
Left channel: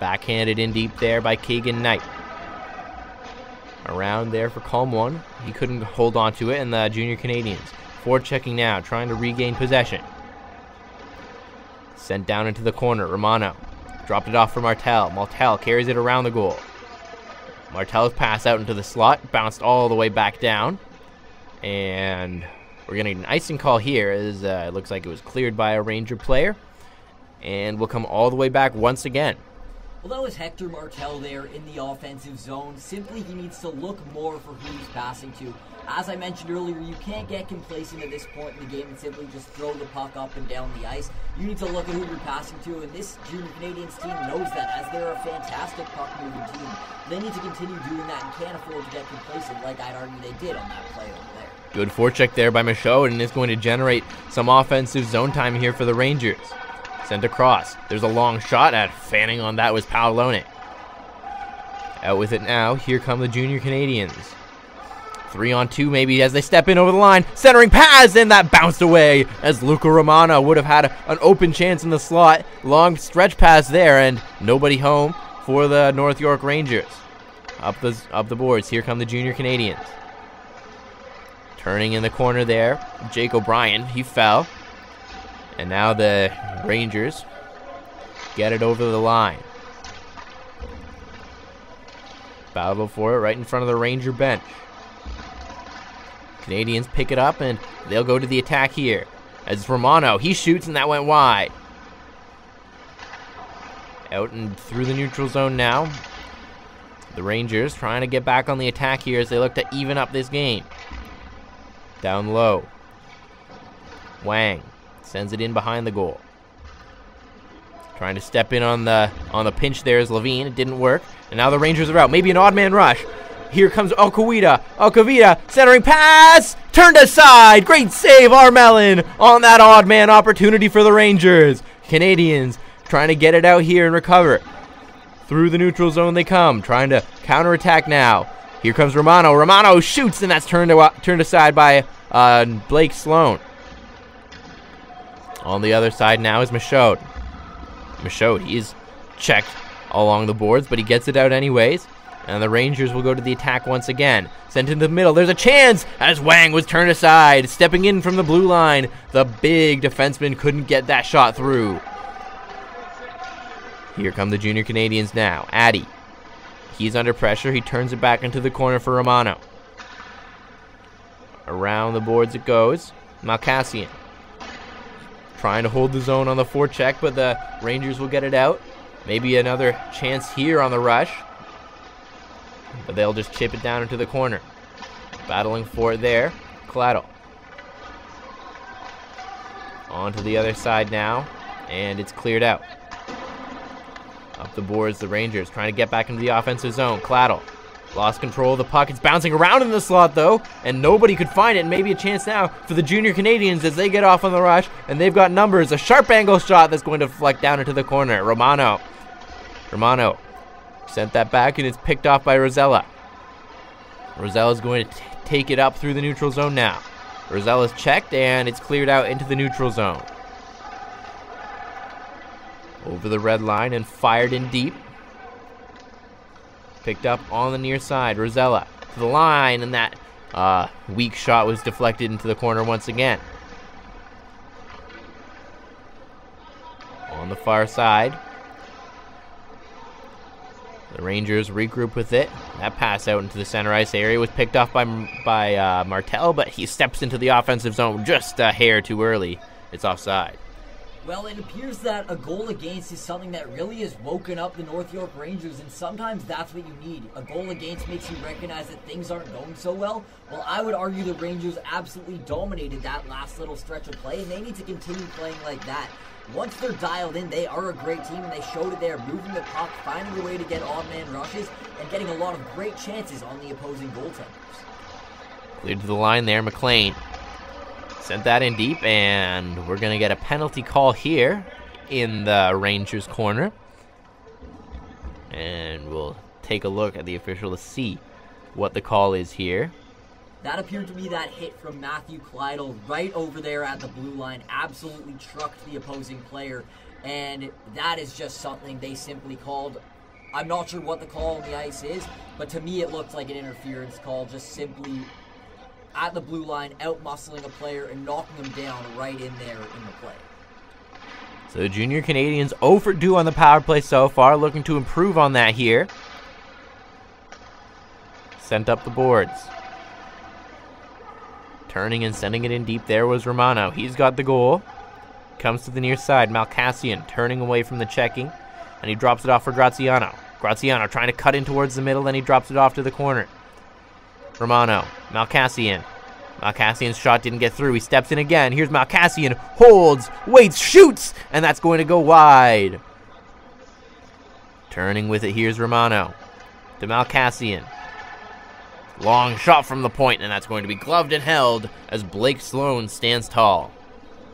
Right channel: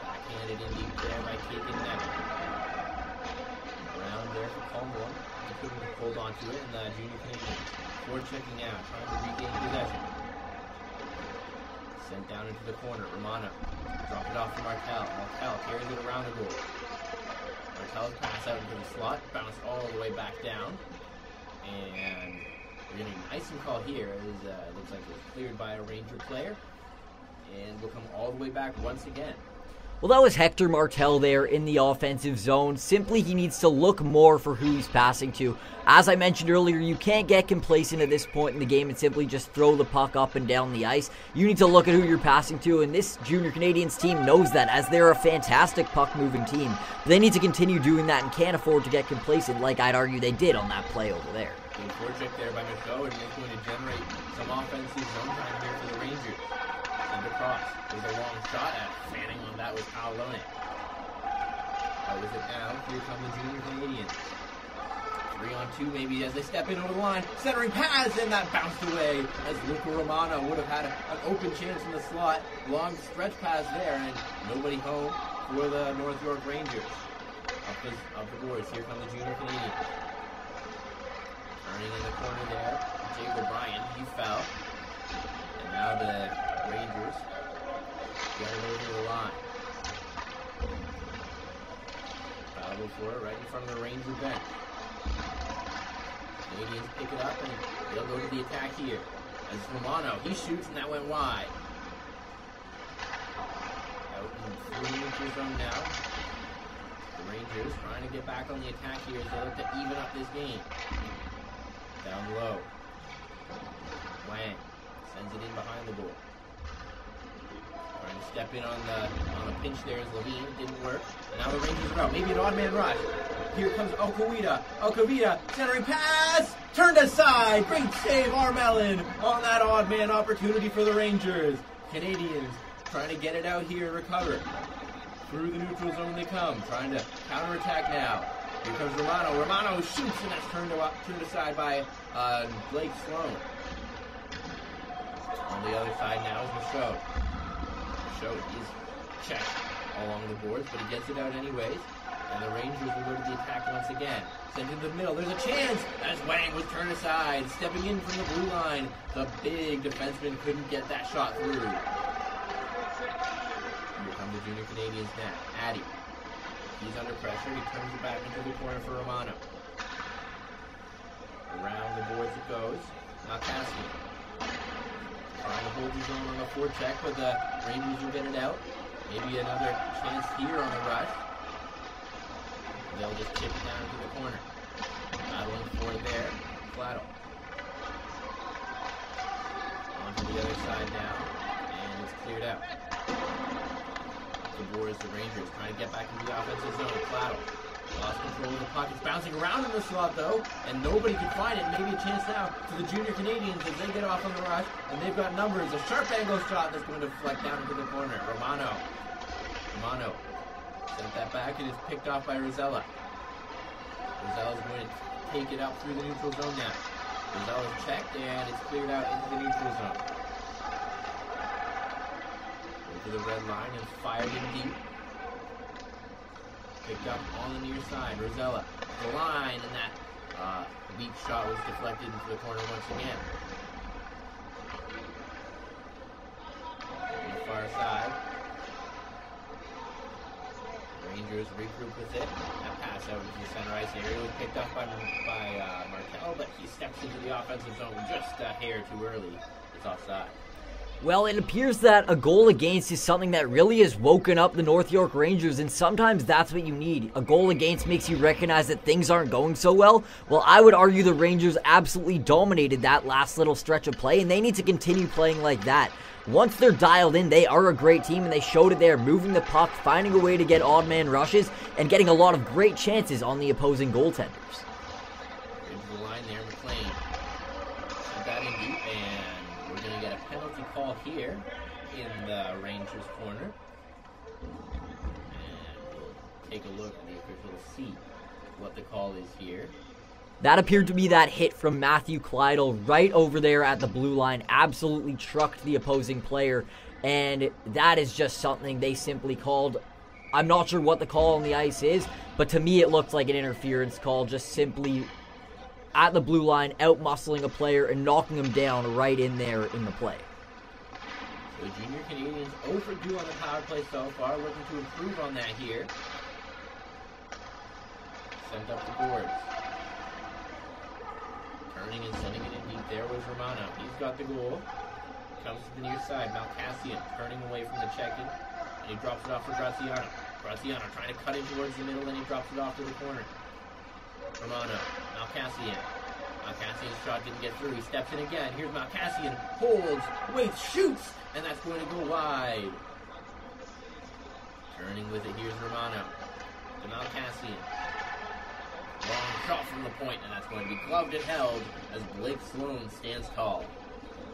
Backhanded in deep there by Keegan Knight. Around there for Calm One. He couldn't hold on to it, and the Junior Canadians forechecking now, trying to regain possession. Sent down into the corner. Romano Dropped it off for Martel. Martel carries it around the goal. Martel's pass out into the slot, bounced all the way back down. And we're going to get an icing call here as it looks like it was cleared by a Ranger player. And we'll come all the way back once again. Well, that was Hector Martel there in the offensive zone. Simply, he needs to look more for who he's passing to. As I mentioned earlier, you can't get complacent at this point in the game and simply just throw the puck up and down the ice. You need to look at who you're passing to, and this Junior Canadians team knows that, as they're a fantastic puck-moving team. They need to continue doing that and can't afford to get complacent like I'd argue they did on that play over there. Good forecheck there by Michaud, and it's going to generate some offensive zone time here for the Rangers. Sent across. There's a long shot at fanning on that was Paolone. Out with it now. Here come the Junior Canadians. 3-on-2 maybe as they step in over the line. Centering pass, and that bounced away as Luca Romano would have had an open chance in the slot. Long stretch pass there, and nobody home for the North York Rangers. Up the boards. Here come the Junior Canadians. Turning in the corner there. Jake O'Brien, he fell. And now the Rangers get it over the line. Battle for it right in front of the Ranger bench. Canadians pick it up and they'll go to the attack here. As Romano, he shoots and that went wide. Out and through the neutral zone now. The Rangers trying to get back on the attack here as they look to even up this game. Down low. Wang sends it in behind the goal. Trying to step in on the pinch there is Levine. It didn't work. And now the Rangers are out. Maybe an odd man rush. Here comes Alcavita. Centering pass. Turned aside. Great save, Armelin, on that odd man opportunity for the Rangers. Canadians trying to get it out here and recover. Through the neutral zone they come. Trying to counterattack now. Here comes Romano. Romano shoots, and that's turned aside by Blake Sloan. On the other side now is Michaud. Michaud, he's checked along the boards, but he gets it out anyways. And the Rangers will go to the attack once again. Sent into the middle. There's a chance as Wang was turned aside. Stepping in from the blue line. The big defenseman couldn't get that shot through. Here come the Junior Canadians now. Addy. He's under pressure. He turns it back into the corner for Romano. Around the boards it goes. Malkassian. Trying to hold the zone on the forecheck, but the Rangers will get it out. Maybe another chance here on the rush. But they'll just chip it down into the corner. Battling for it there. Claddle. On to the other side now. And it's cleared out. Up the boards, the Rangers trying to get back into the offensive zone. Claddle. Lost control of the puck. It's bouncing around in the slot, though, and nobody could find it. Maybe a chance now for the Junior Canadians as they get off on the rush, and they've got numbers. A sharp angle shot that's going to deflect down into the corner. Romano sent that back, and it's picked off by Rosella. Rosella's going to take it up through the neutral zone now. Rosella's checked, and it's cleared out into the neutral zone. Over the red line and fired in deep. Picked up on the near side. Rosella to the line, and that weak shot was deflected into the corner once again. On the far side, the Rangers regroup with it. That pass out into the center ice area was picked off by Martel, but he steps into the offensive zone just a hair too early. It's offside. Well, it appears that a goal against is something that really has woken up the North York Rangers, and sometimes that's what you need. A goal against makes you recognize that things aren't going so well. Well, I would argue the Rangers absolutely dominated that last little stretch of play, and they need to continue playing like that. Once they're dialed in, they are a great team, and they showed it there, moving the puck, finding a way to get odd man rushes, and getting a lot of great chances on the opposing goaltenders. Cleared to the line there, McLean. Sent that in deep, and we're going to get a penalty call here in the Rangers' corner. And we'll take a look at the official to see what the call is here. That appeared to be that hit from Matthew Kleidel right over there at the blue line. Absolutely trucked the opposing player, and that is just something they simply called. I'm not sure what the call on the ice is, but to me it looked like an interference call, just simply at the blue line, out-muscling a player and knocking him down right in there in the play. So the Junior Canadians 0 for 2 on the power play so far, looking to improve on that here. Sent up the boards. Turning and sending it in deep there was Romano. He's got the goal. Comes to the near side. Malcassian turning away from the checking. And he drops it off for Graziano. Graziano trying to cut in towards the middle, then he drops it off to the corner. Romano. Malcassian. Malcassian's shot didn't get through. He steps in again. Here's Malcassian. Holds. Waits. Shoots. And that's going to go wide. Turning with it. Here's Romano. To Malcassian. Long shot from the point, and that's going to be gloved and held as Blake Sloan stands tall.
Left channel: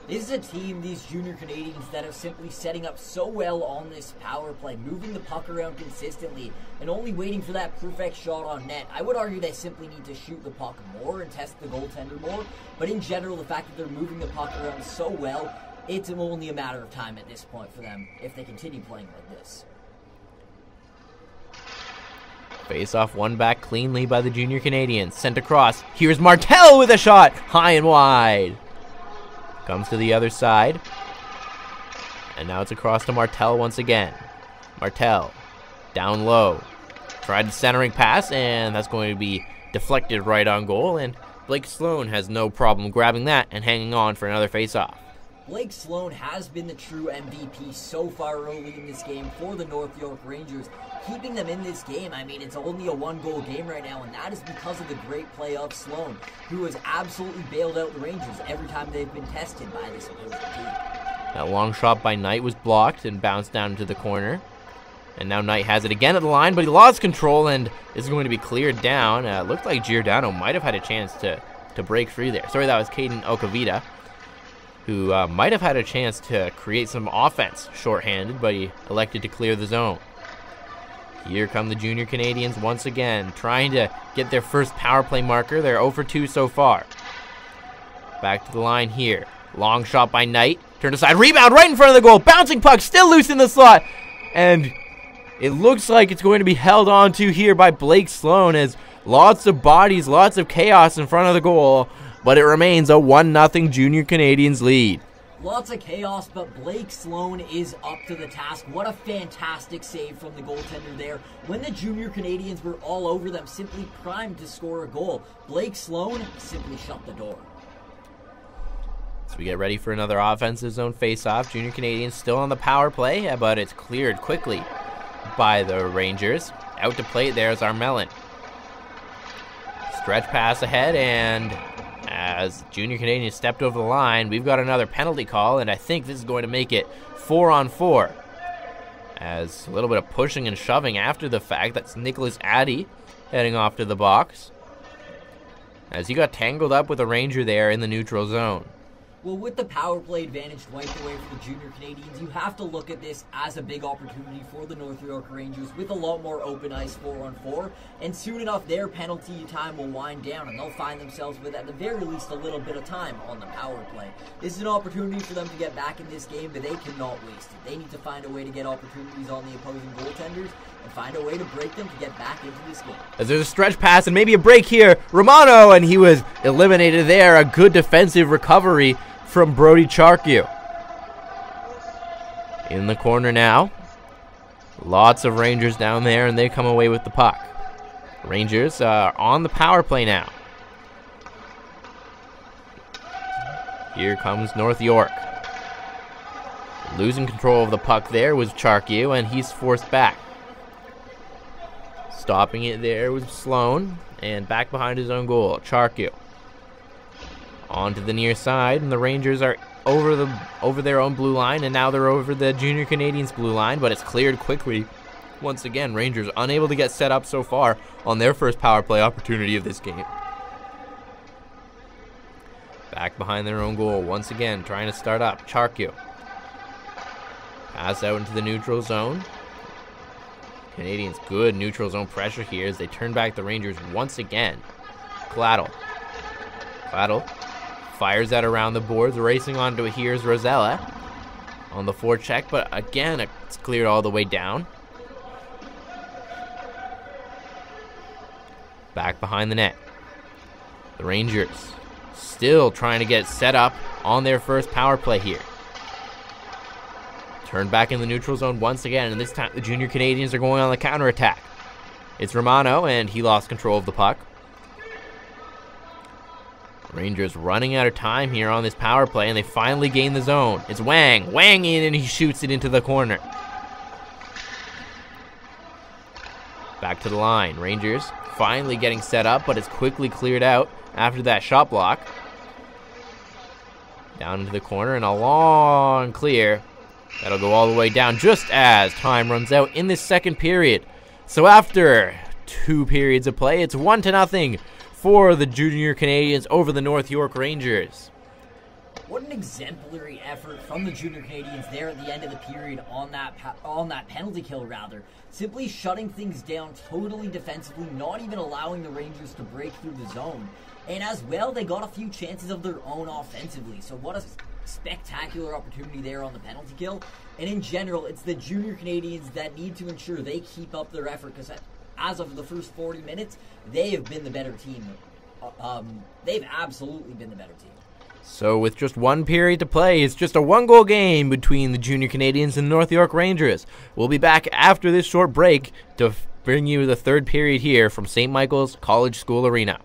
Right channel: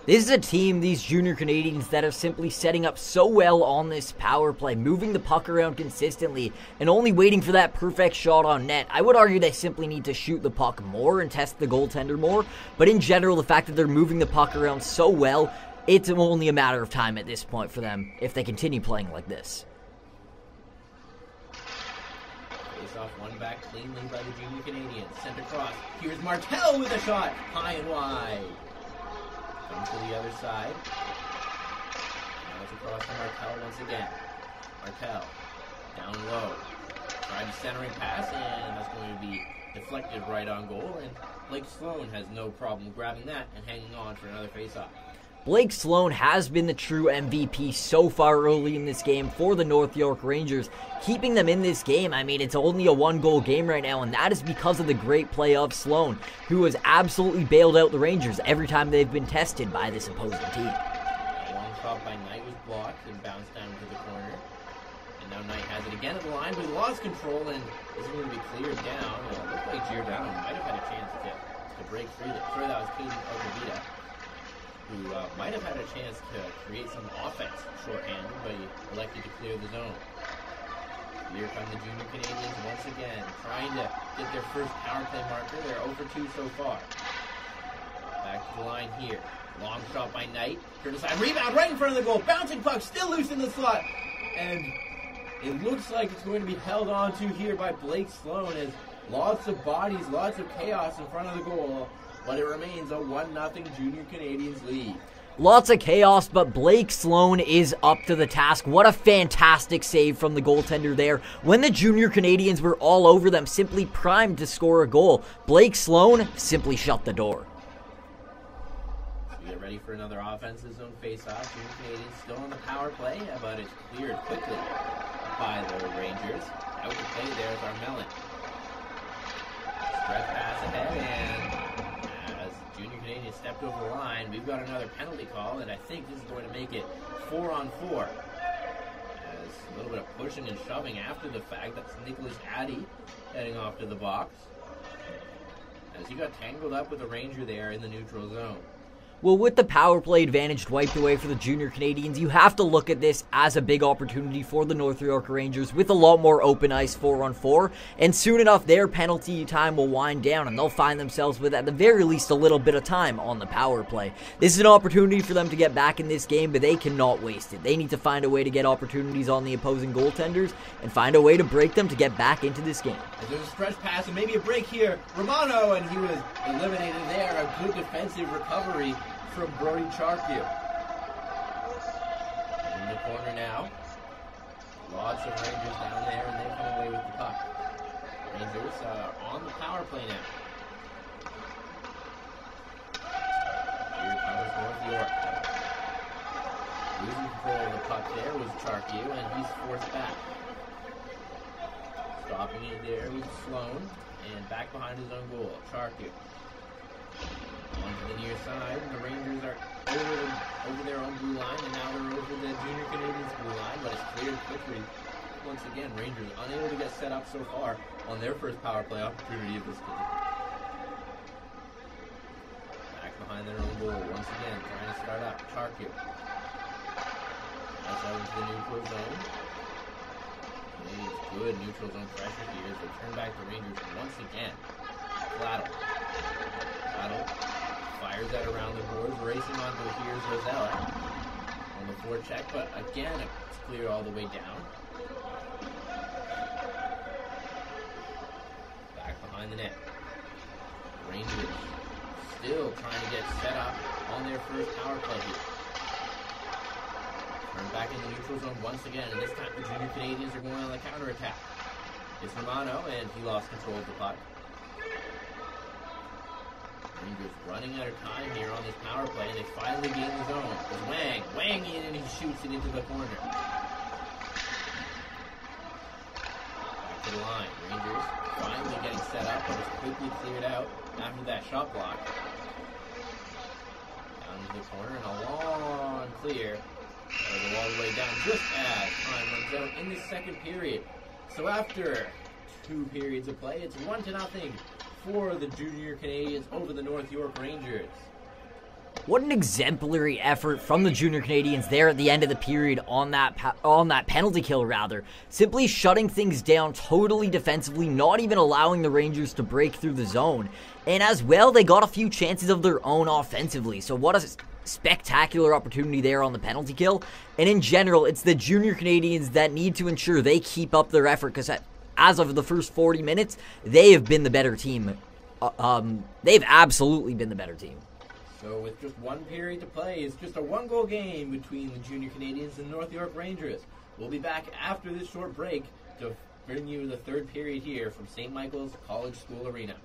This is a team, these Junior Canadians, that are simply setting up so well on this power play, moving the puck around consistently, and only waiting for that perfect shot on net. I would argue they simply need to shoot the puck more and test the goaltender more, but in general, the fact that they're moving the puck around so well, it's only a matter of time at this point for them if they continue playing like this. Face-off won back cleanly by the Junior Canadians. Sent across. Here's Martel with a shot. High and wide. Comes to the other side. And now it's across to Martel once again. Martel. Down low. Tried the centering pass, and that's going to be deflected right on goal. And Blake Sloan has no problem grabbing that and hanging on for another face-off. Blake Sloan has been the true MVP so far early in this game for the North York Rangers, keeping them in this game. I mean, it's only a one-goal game right now, and that is because of the great play of Sloan, who has absolutely bailed out the Rangers every time they've been tested by this opposing team. That long shot by Knight was blocked and bounced down into the corner. And now Knight has it again at the line, but he lost control and is going to be cleared down. It looked like Giordano might have had a chance to break free there. Sorry, that was Caden Okavita, who might have had a chance to create some offense shorthanded, but he elected to clear the zone. Here come the Junior Canadians once again, trying to get their first power play marker. They're 0 for 2 so far. Back to the line here. Long shot by Knight. Turned aside. Rebound right in front of the goal. Bouncing puck still loose in the slot. And it looks like it's going to be held on to here by Blake Sloan, as lots of bodies, lots of chaos in front of the goal. But it remains a 1-0 Junior Canadians lead. Lots of chaos, but Blake Sloan is up to the task. What a fantastic save from the goaltender there. When the Junior Canadians were all over them, simply primed to score a goal, Blake Sloan simply shut the door. So we get ready for another offensive zone face-off. Junior Canadians still on the power play, but it's cleared quickly by the Rangers. Out to play there is Armelin. Stretch pass ahead, and as Junior Canadians stepped over the line, we've got another penalty call, and I think this is going to make it 4-on-4. As a little bit of pushing and shoving after the fact. That's Nicholas Addy heading off to the box, as he got tangled up with a Ranger there in the neutral zone. Well, with the power play advantage wiped away for the Junior Canadians, you have to look at this as a big opportunity for the North York Rangers with a lot more open ice 4-on-4, and soon enough their penalty time will wind down and they'll find themselves with, at the very least, a little bit of time on the power play. This is an opportunity for them to get back in this game, but they cannot waste it. They need to find a way to get opportunities on the opposing goaltenders and find a way to break them to get back into this game. As there's a stretch pass and maybe a break here, Romano, and he was eliminated there. A good defensive recovery from Brody Charkiw. In the corner now. Lots of Rangers down there, and they come away with the puck. Rangers are on the power play now. Here comes North York. Losing control of the puck there was Charkiw, and he's forced back. Stopping it there was Sloan, and back behind his own goal, Charkiw. On to the near side, and the Rangers are over their own blue line, and now they're over the Junior Canadians blue line, but it's cleared quickly. Once again, Rangers unable to get set up so far on their first power play opportunity of this game. Back behind their own goal, once again, trying to start up. Charkiw. Pass out into the neutral zone. Canadians good neutral zone pressure here as they turn back the Rangers once again. Gladdle fires that around the boards, racing onto it. Here's Rosella on the forecheck, but again, it's cleared all the way down. Back behind the net. The Rangers still trying to get set up on their first power play here. Turned back in the neutral zone once again, and this time the Junior Canadians are going on the counterattack. It's Romano, and he lost control of the puck. Rangers running out of time here on this power play, and they finally gain the zone. It's Wang. Wang in, and he shoots it into the corner. Back to the line. Rangers finally getting set up, but it's quickly cleared out after that shot block. Down into the corner, and a long clear. That'll go all the way down just as time runs out in this second period. So after 2 periods of play, it's 1-0 for the Junior Canadians over the North York Rangers. What an exemplary effort from the Junior Canadians there at the end of the period on that penalty kill, rather. Simply shutting things down totally defensively, not even allowing the Rangers to break through the zone. And as well, they got a few chances of their own offensively. So what a spectacular opportunity there on the penalty kill. And in general, it's the Junior Canadians that need to ensure they keep up their effort, because as of the first 40 minutes, they have been the better team. They've absolutely been the better team. So with just 1 period to play, it's just a 1-goal game between the Junior Canadians and the North York Rangers. We'll be back after this short break to bring you the 3rd period here from St. Michael's College School Arena.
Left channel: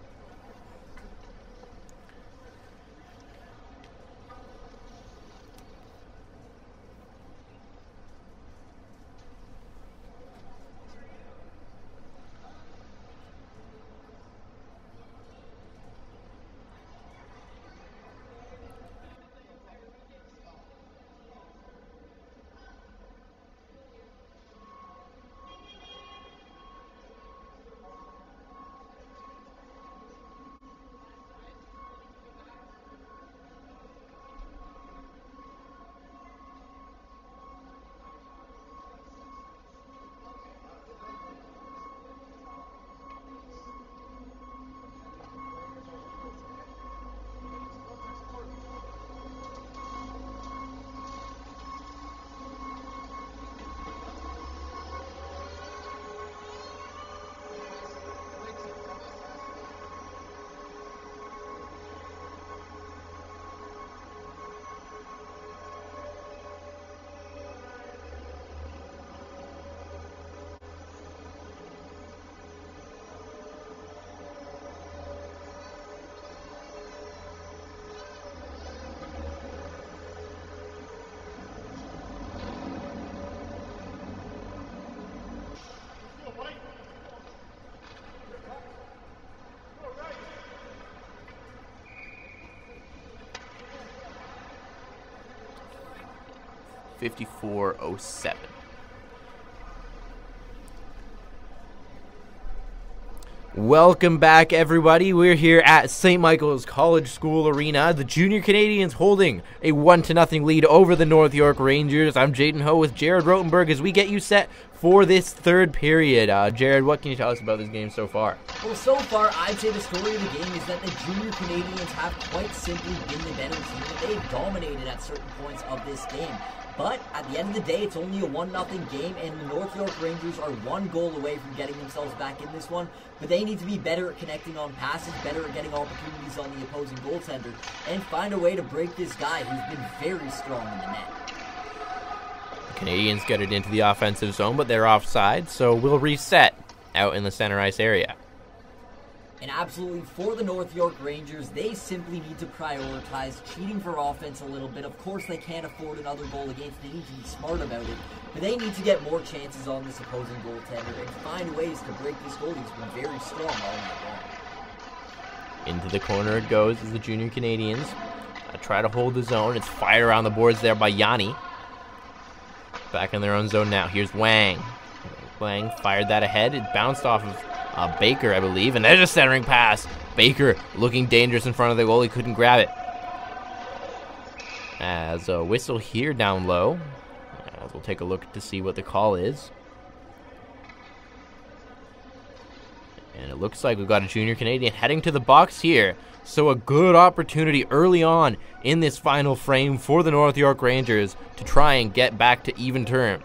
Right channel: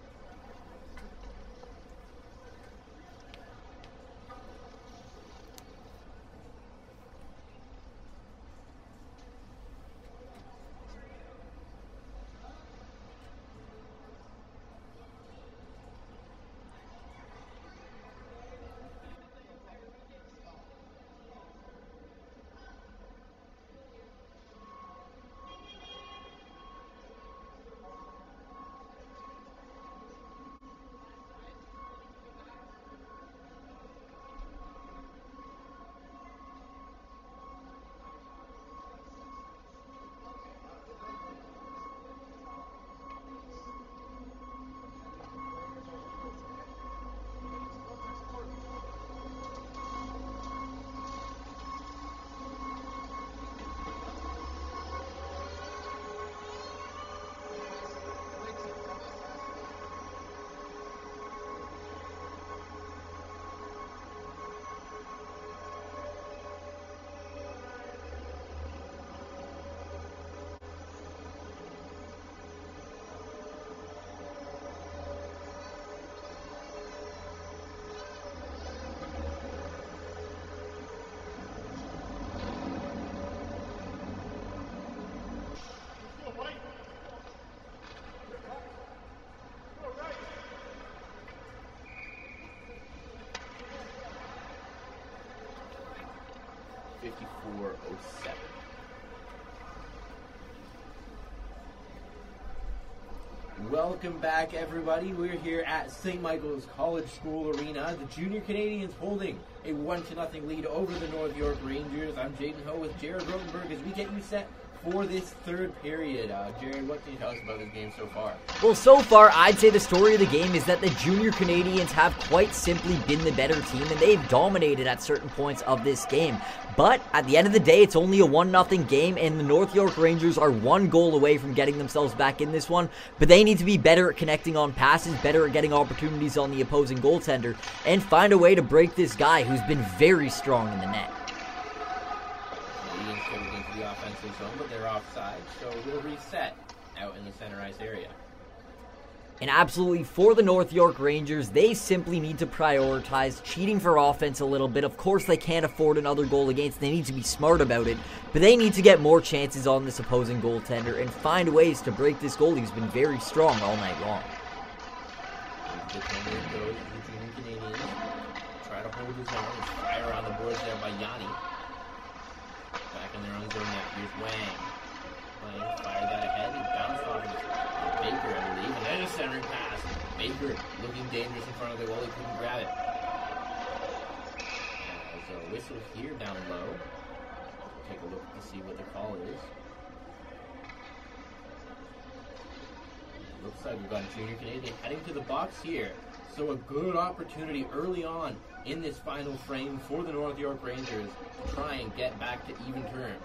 .54.07. Welcome back, everybody. We're here at St. Michael's College School Arena. The Junior Canadians holding a 1-0 lead over the North York Rangers. I'm Jaden Ho with Jared Rotenberg as we get you set for this 3rd period. Jared, what can you tell us about this game so far? Well, so far, I'd say the story of the game is that the Junior Canadians have quite simply been the better team, and they've dominated at certain points of this game. But at the end of the day, it's only a 1-0 game, and the North York Rangers are 1 goal away from getting themselves back in this one. But they need to be better at connecting on passes, better at getting opportunities on the opposing goaltender, and find a way to break this guy who's been very strong in the net. The Canadians get it into the offensive zone, but they're offside, so we'll reset out in the center ice area. And absolutely, for the North York Rangers, they simply need to prioritize cheating for offense a little bit. Of course, they can't afford another goal against. They need to be smart about it. But they need to get more chances on this opposing goaltender and find ways to break this goalie who's been very strong all night long. Into the corner it goes as the Junior Canadians try to hold the zone. It's fired around the boards there by Yanni. Back in their own zone now. Here's Wang. Wang fired that ahead. It bounced off of Baker, I believe, and there's a centering pass. Baker looking dangerous in front of the goal. He couldn't grab it. As a whistle here down low. We'll take a look to see what the call is. And it looks like we've got a Junior Canadian heading to the box here. So a good opportunity early on in this final frame for the North York Rangers to try and get back to even terms.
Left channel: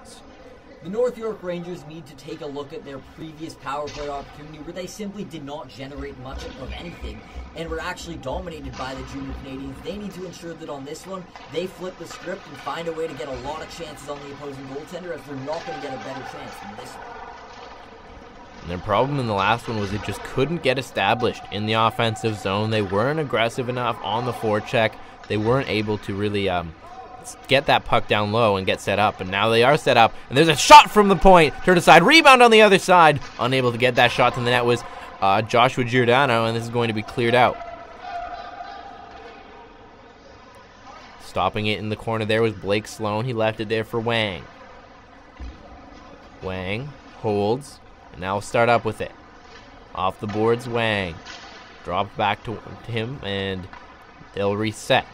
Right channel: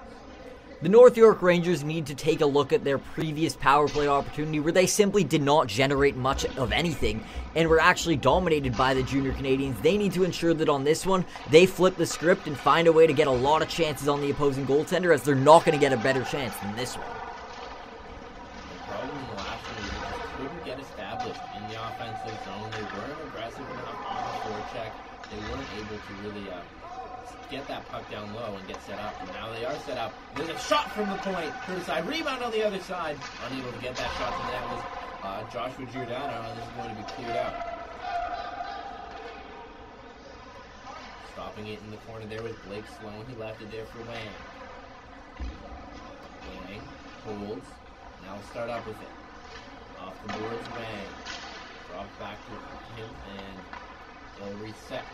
The North York Rangers need to take a look at their previous power play opportunity where they simply did not generate much of anything and were actually dominated by the Junior Canadians. They need to ensure that on this one, they flip the script and find a way to get a lot of chances on the opposing goaltender, as they're not going to get a better chance than this one. Their problem in the last one was it just couldn't get established in the offensive zone. They weren't aggressive enough on the forecheck. They weren't able to really get that puck down low and get set up. And now they are set up, and there's a shot from the point. Turned aside, rebound on the other side. Unable to get that shot to the net was Joshua Giordano, and this is going to be cleared out. Stopping it in the corner there was Blake Sloan. He left it there for Wang. Wang holds. Now we'll start up with it. Off the boards, Wang. Drop back to him, and they'll reset.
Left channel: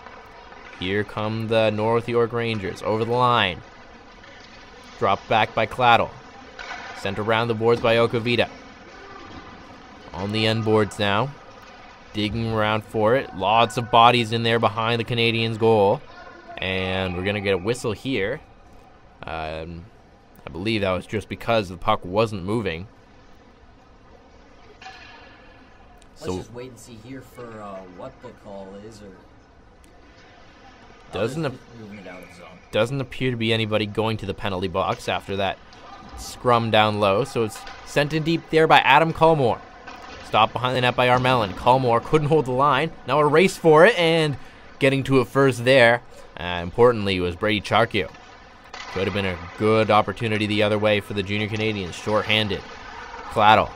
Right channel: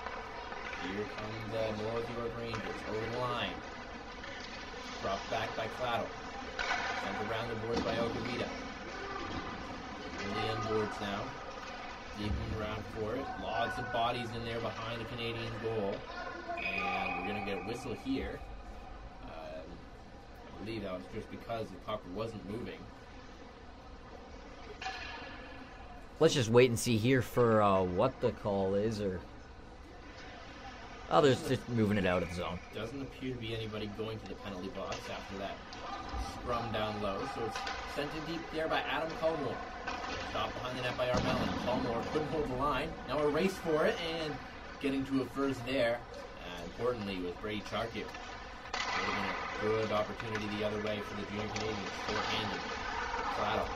Here come the North York Rangers over the line. Dropped back by Claddle. Sent around the boards by Okavita. On the end boards now. Digging around for it. Lots of bodies in there behind the Canadiens' goal. And we're going to get a whistle here. I believe that was just because the puck wasn't moving. Let's just wait and see here for what the call is, or just moving it out of the zone. Doesn't appear to be anybody going to the penalty box after that scrum down low, so it's sent in deep there by Adam Culmore. Stopped behind the net by Armelin. Culmore couldn't hold the line. Now a race for it, and getting to it first there, importantly, was Brady Charkio. Could have been a good opportunity the other way for the Junior Canadiens. Short-handed. Claddle.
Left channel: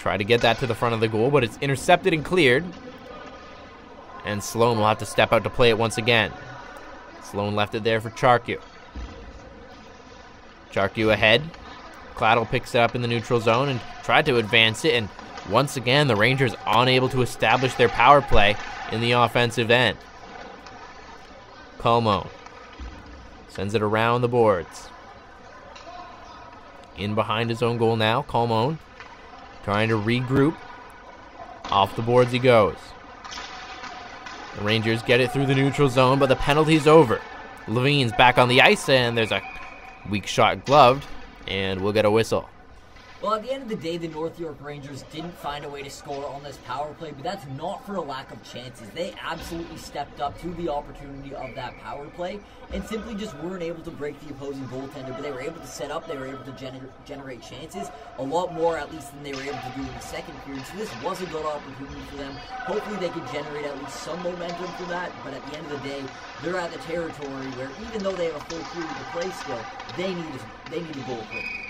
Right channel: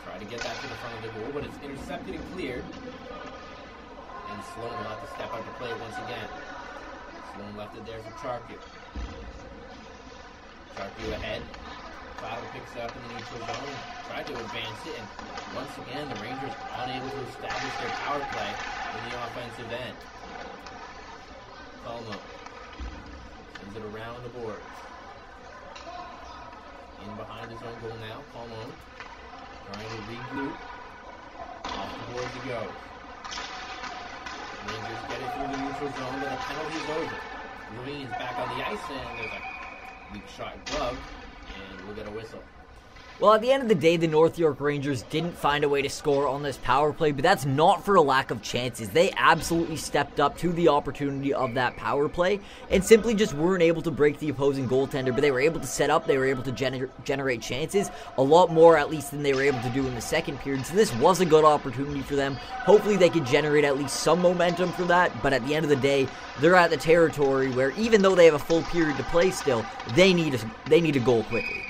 Tried to get that to the front of the goal, but it's intercepted and cleared. And Sloan will have to step out to play it once again. Sloan left it there for Charkio. Charkio ahead. Claddle picks it up in the neutral zone and tried to advance it. And once again, the Rangers unable to establish their power play in the offensive end. Como sends it around the boards. In behind his own goal now. Colmone trying to regroup. Off the boards he goes. The Rangers get it through the neutral zone, but the penalty's over. Levine's back on the ice, and there's a weak shot gloved, and we'll get a whistle. Well, at the end of the day, the North York Rangers didn't find a way to score on this power play, but that's not for a lack of chances. They absolutely stepped up to the opportunity of that power play and simply just weren't able to break the opposing goaltender, but they were able to set up, they were able to generate chances, a lot more at least than they were able to do in the second period, so this was a good opportunity for them. Hopefully they could generate at least some momentum from that, but at the end of the day, they're at the territory where even though they have a full period to play still, they need a goal quickly.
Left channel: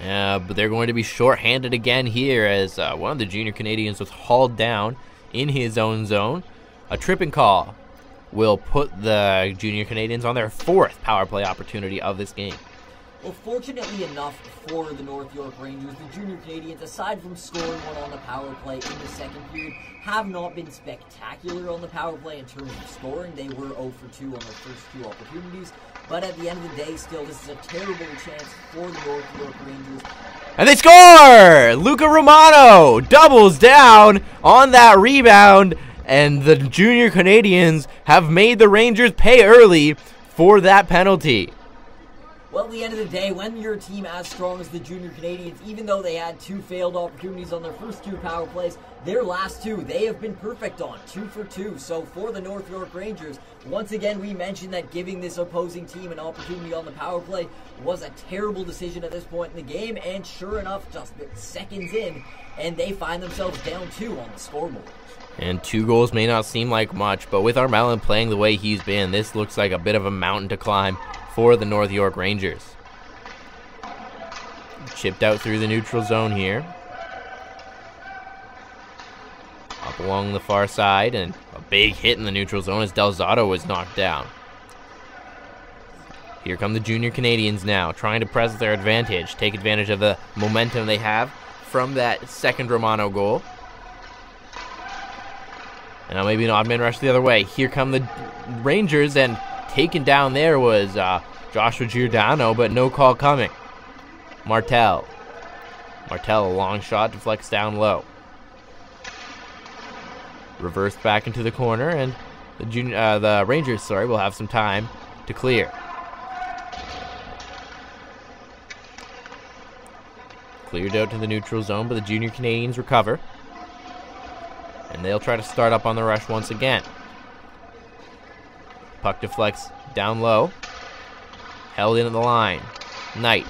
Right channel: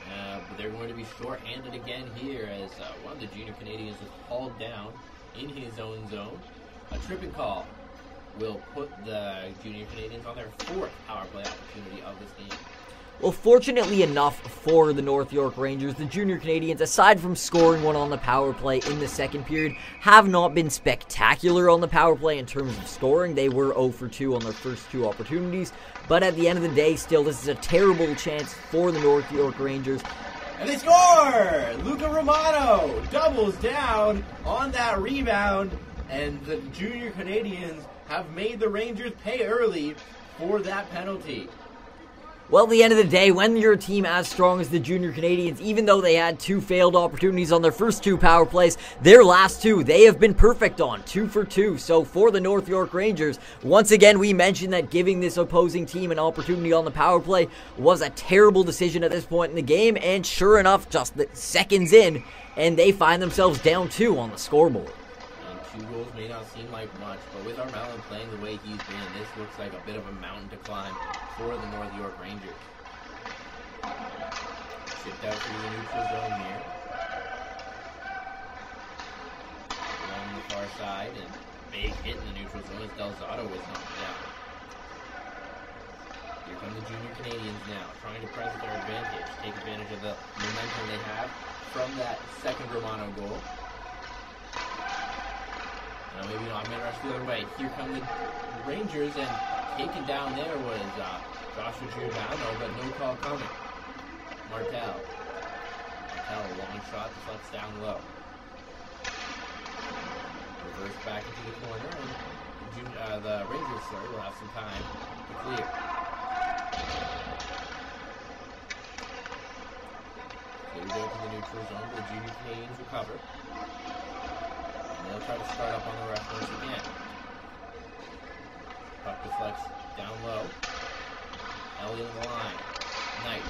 But they're going to be short-handed again here as one of the Junior Canadiens was hauled down in his own zone. A tripping call will put the Junior Canadiens on their fourth power play opportunity of this game. Well, fortunately enough for the North York Rangers, the Junior Canadiens, aside from scoring one on the power play in the second period, have not been spectacular on the power play in terms of scoring. They were 0 for 2 on their first two opportunities. But at the end of the day, still, this is a terrible chance for the North York Rangers. And they score! Luca Romano doubles down on that rebound, and the Junior Canadiens have made the Rangers pay early for that penalty. Well, at the end of the day, when you're a team as strong as the Junior Canadiens, even though they had two failed opportunities on their first two power plays, their last two, they have been perfect on, 2 for 2. So for the North York Rangers, once again, we mentioned that giving this opposing team an opportunity on the power play was a terrible decision at this point in the game, and sure enough, just the seconds in, and they find themselves down 2 on the scoreboard. And 2 goals may not seem like much, but with Armelin playing the way he's been, this looks like a bit of a mountain to climb for the North York Rangers. Chipped out through the neutral zone here. Up along the far side, and a big hit in the neutral zone as Delzato was knocked down. Here come the Junior Canadiens now, trying to press their advantage, take advantage of the momentum they have from that second Romano goal. And now maybe an odd man rush the other way. Here come the Rangers, and taken down there was Joshua Giordano, but no call coming. Martel, a long shot, deflects down low. Reversed back into the corner, and the Rangers, will have some time to clear. Cleared out to the neutral zone, but the Junior Canadians recover. And they'll try to start up on the rush once again. Puck deflects down low. Held into the line. Knight.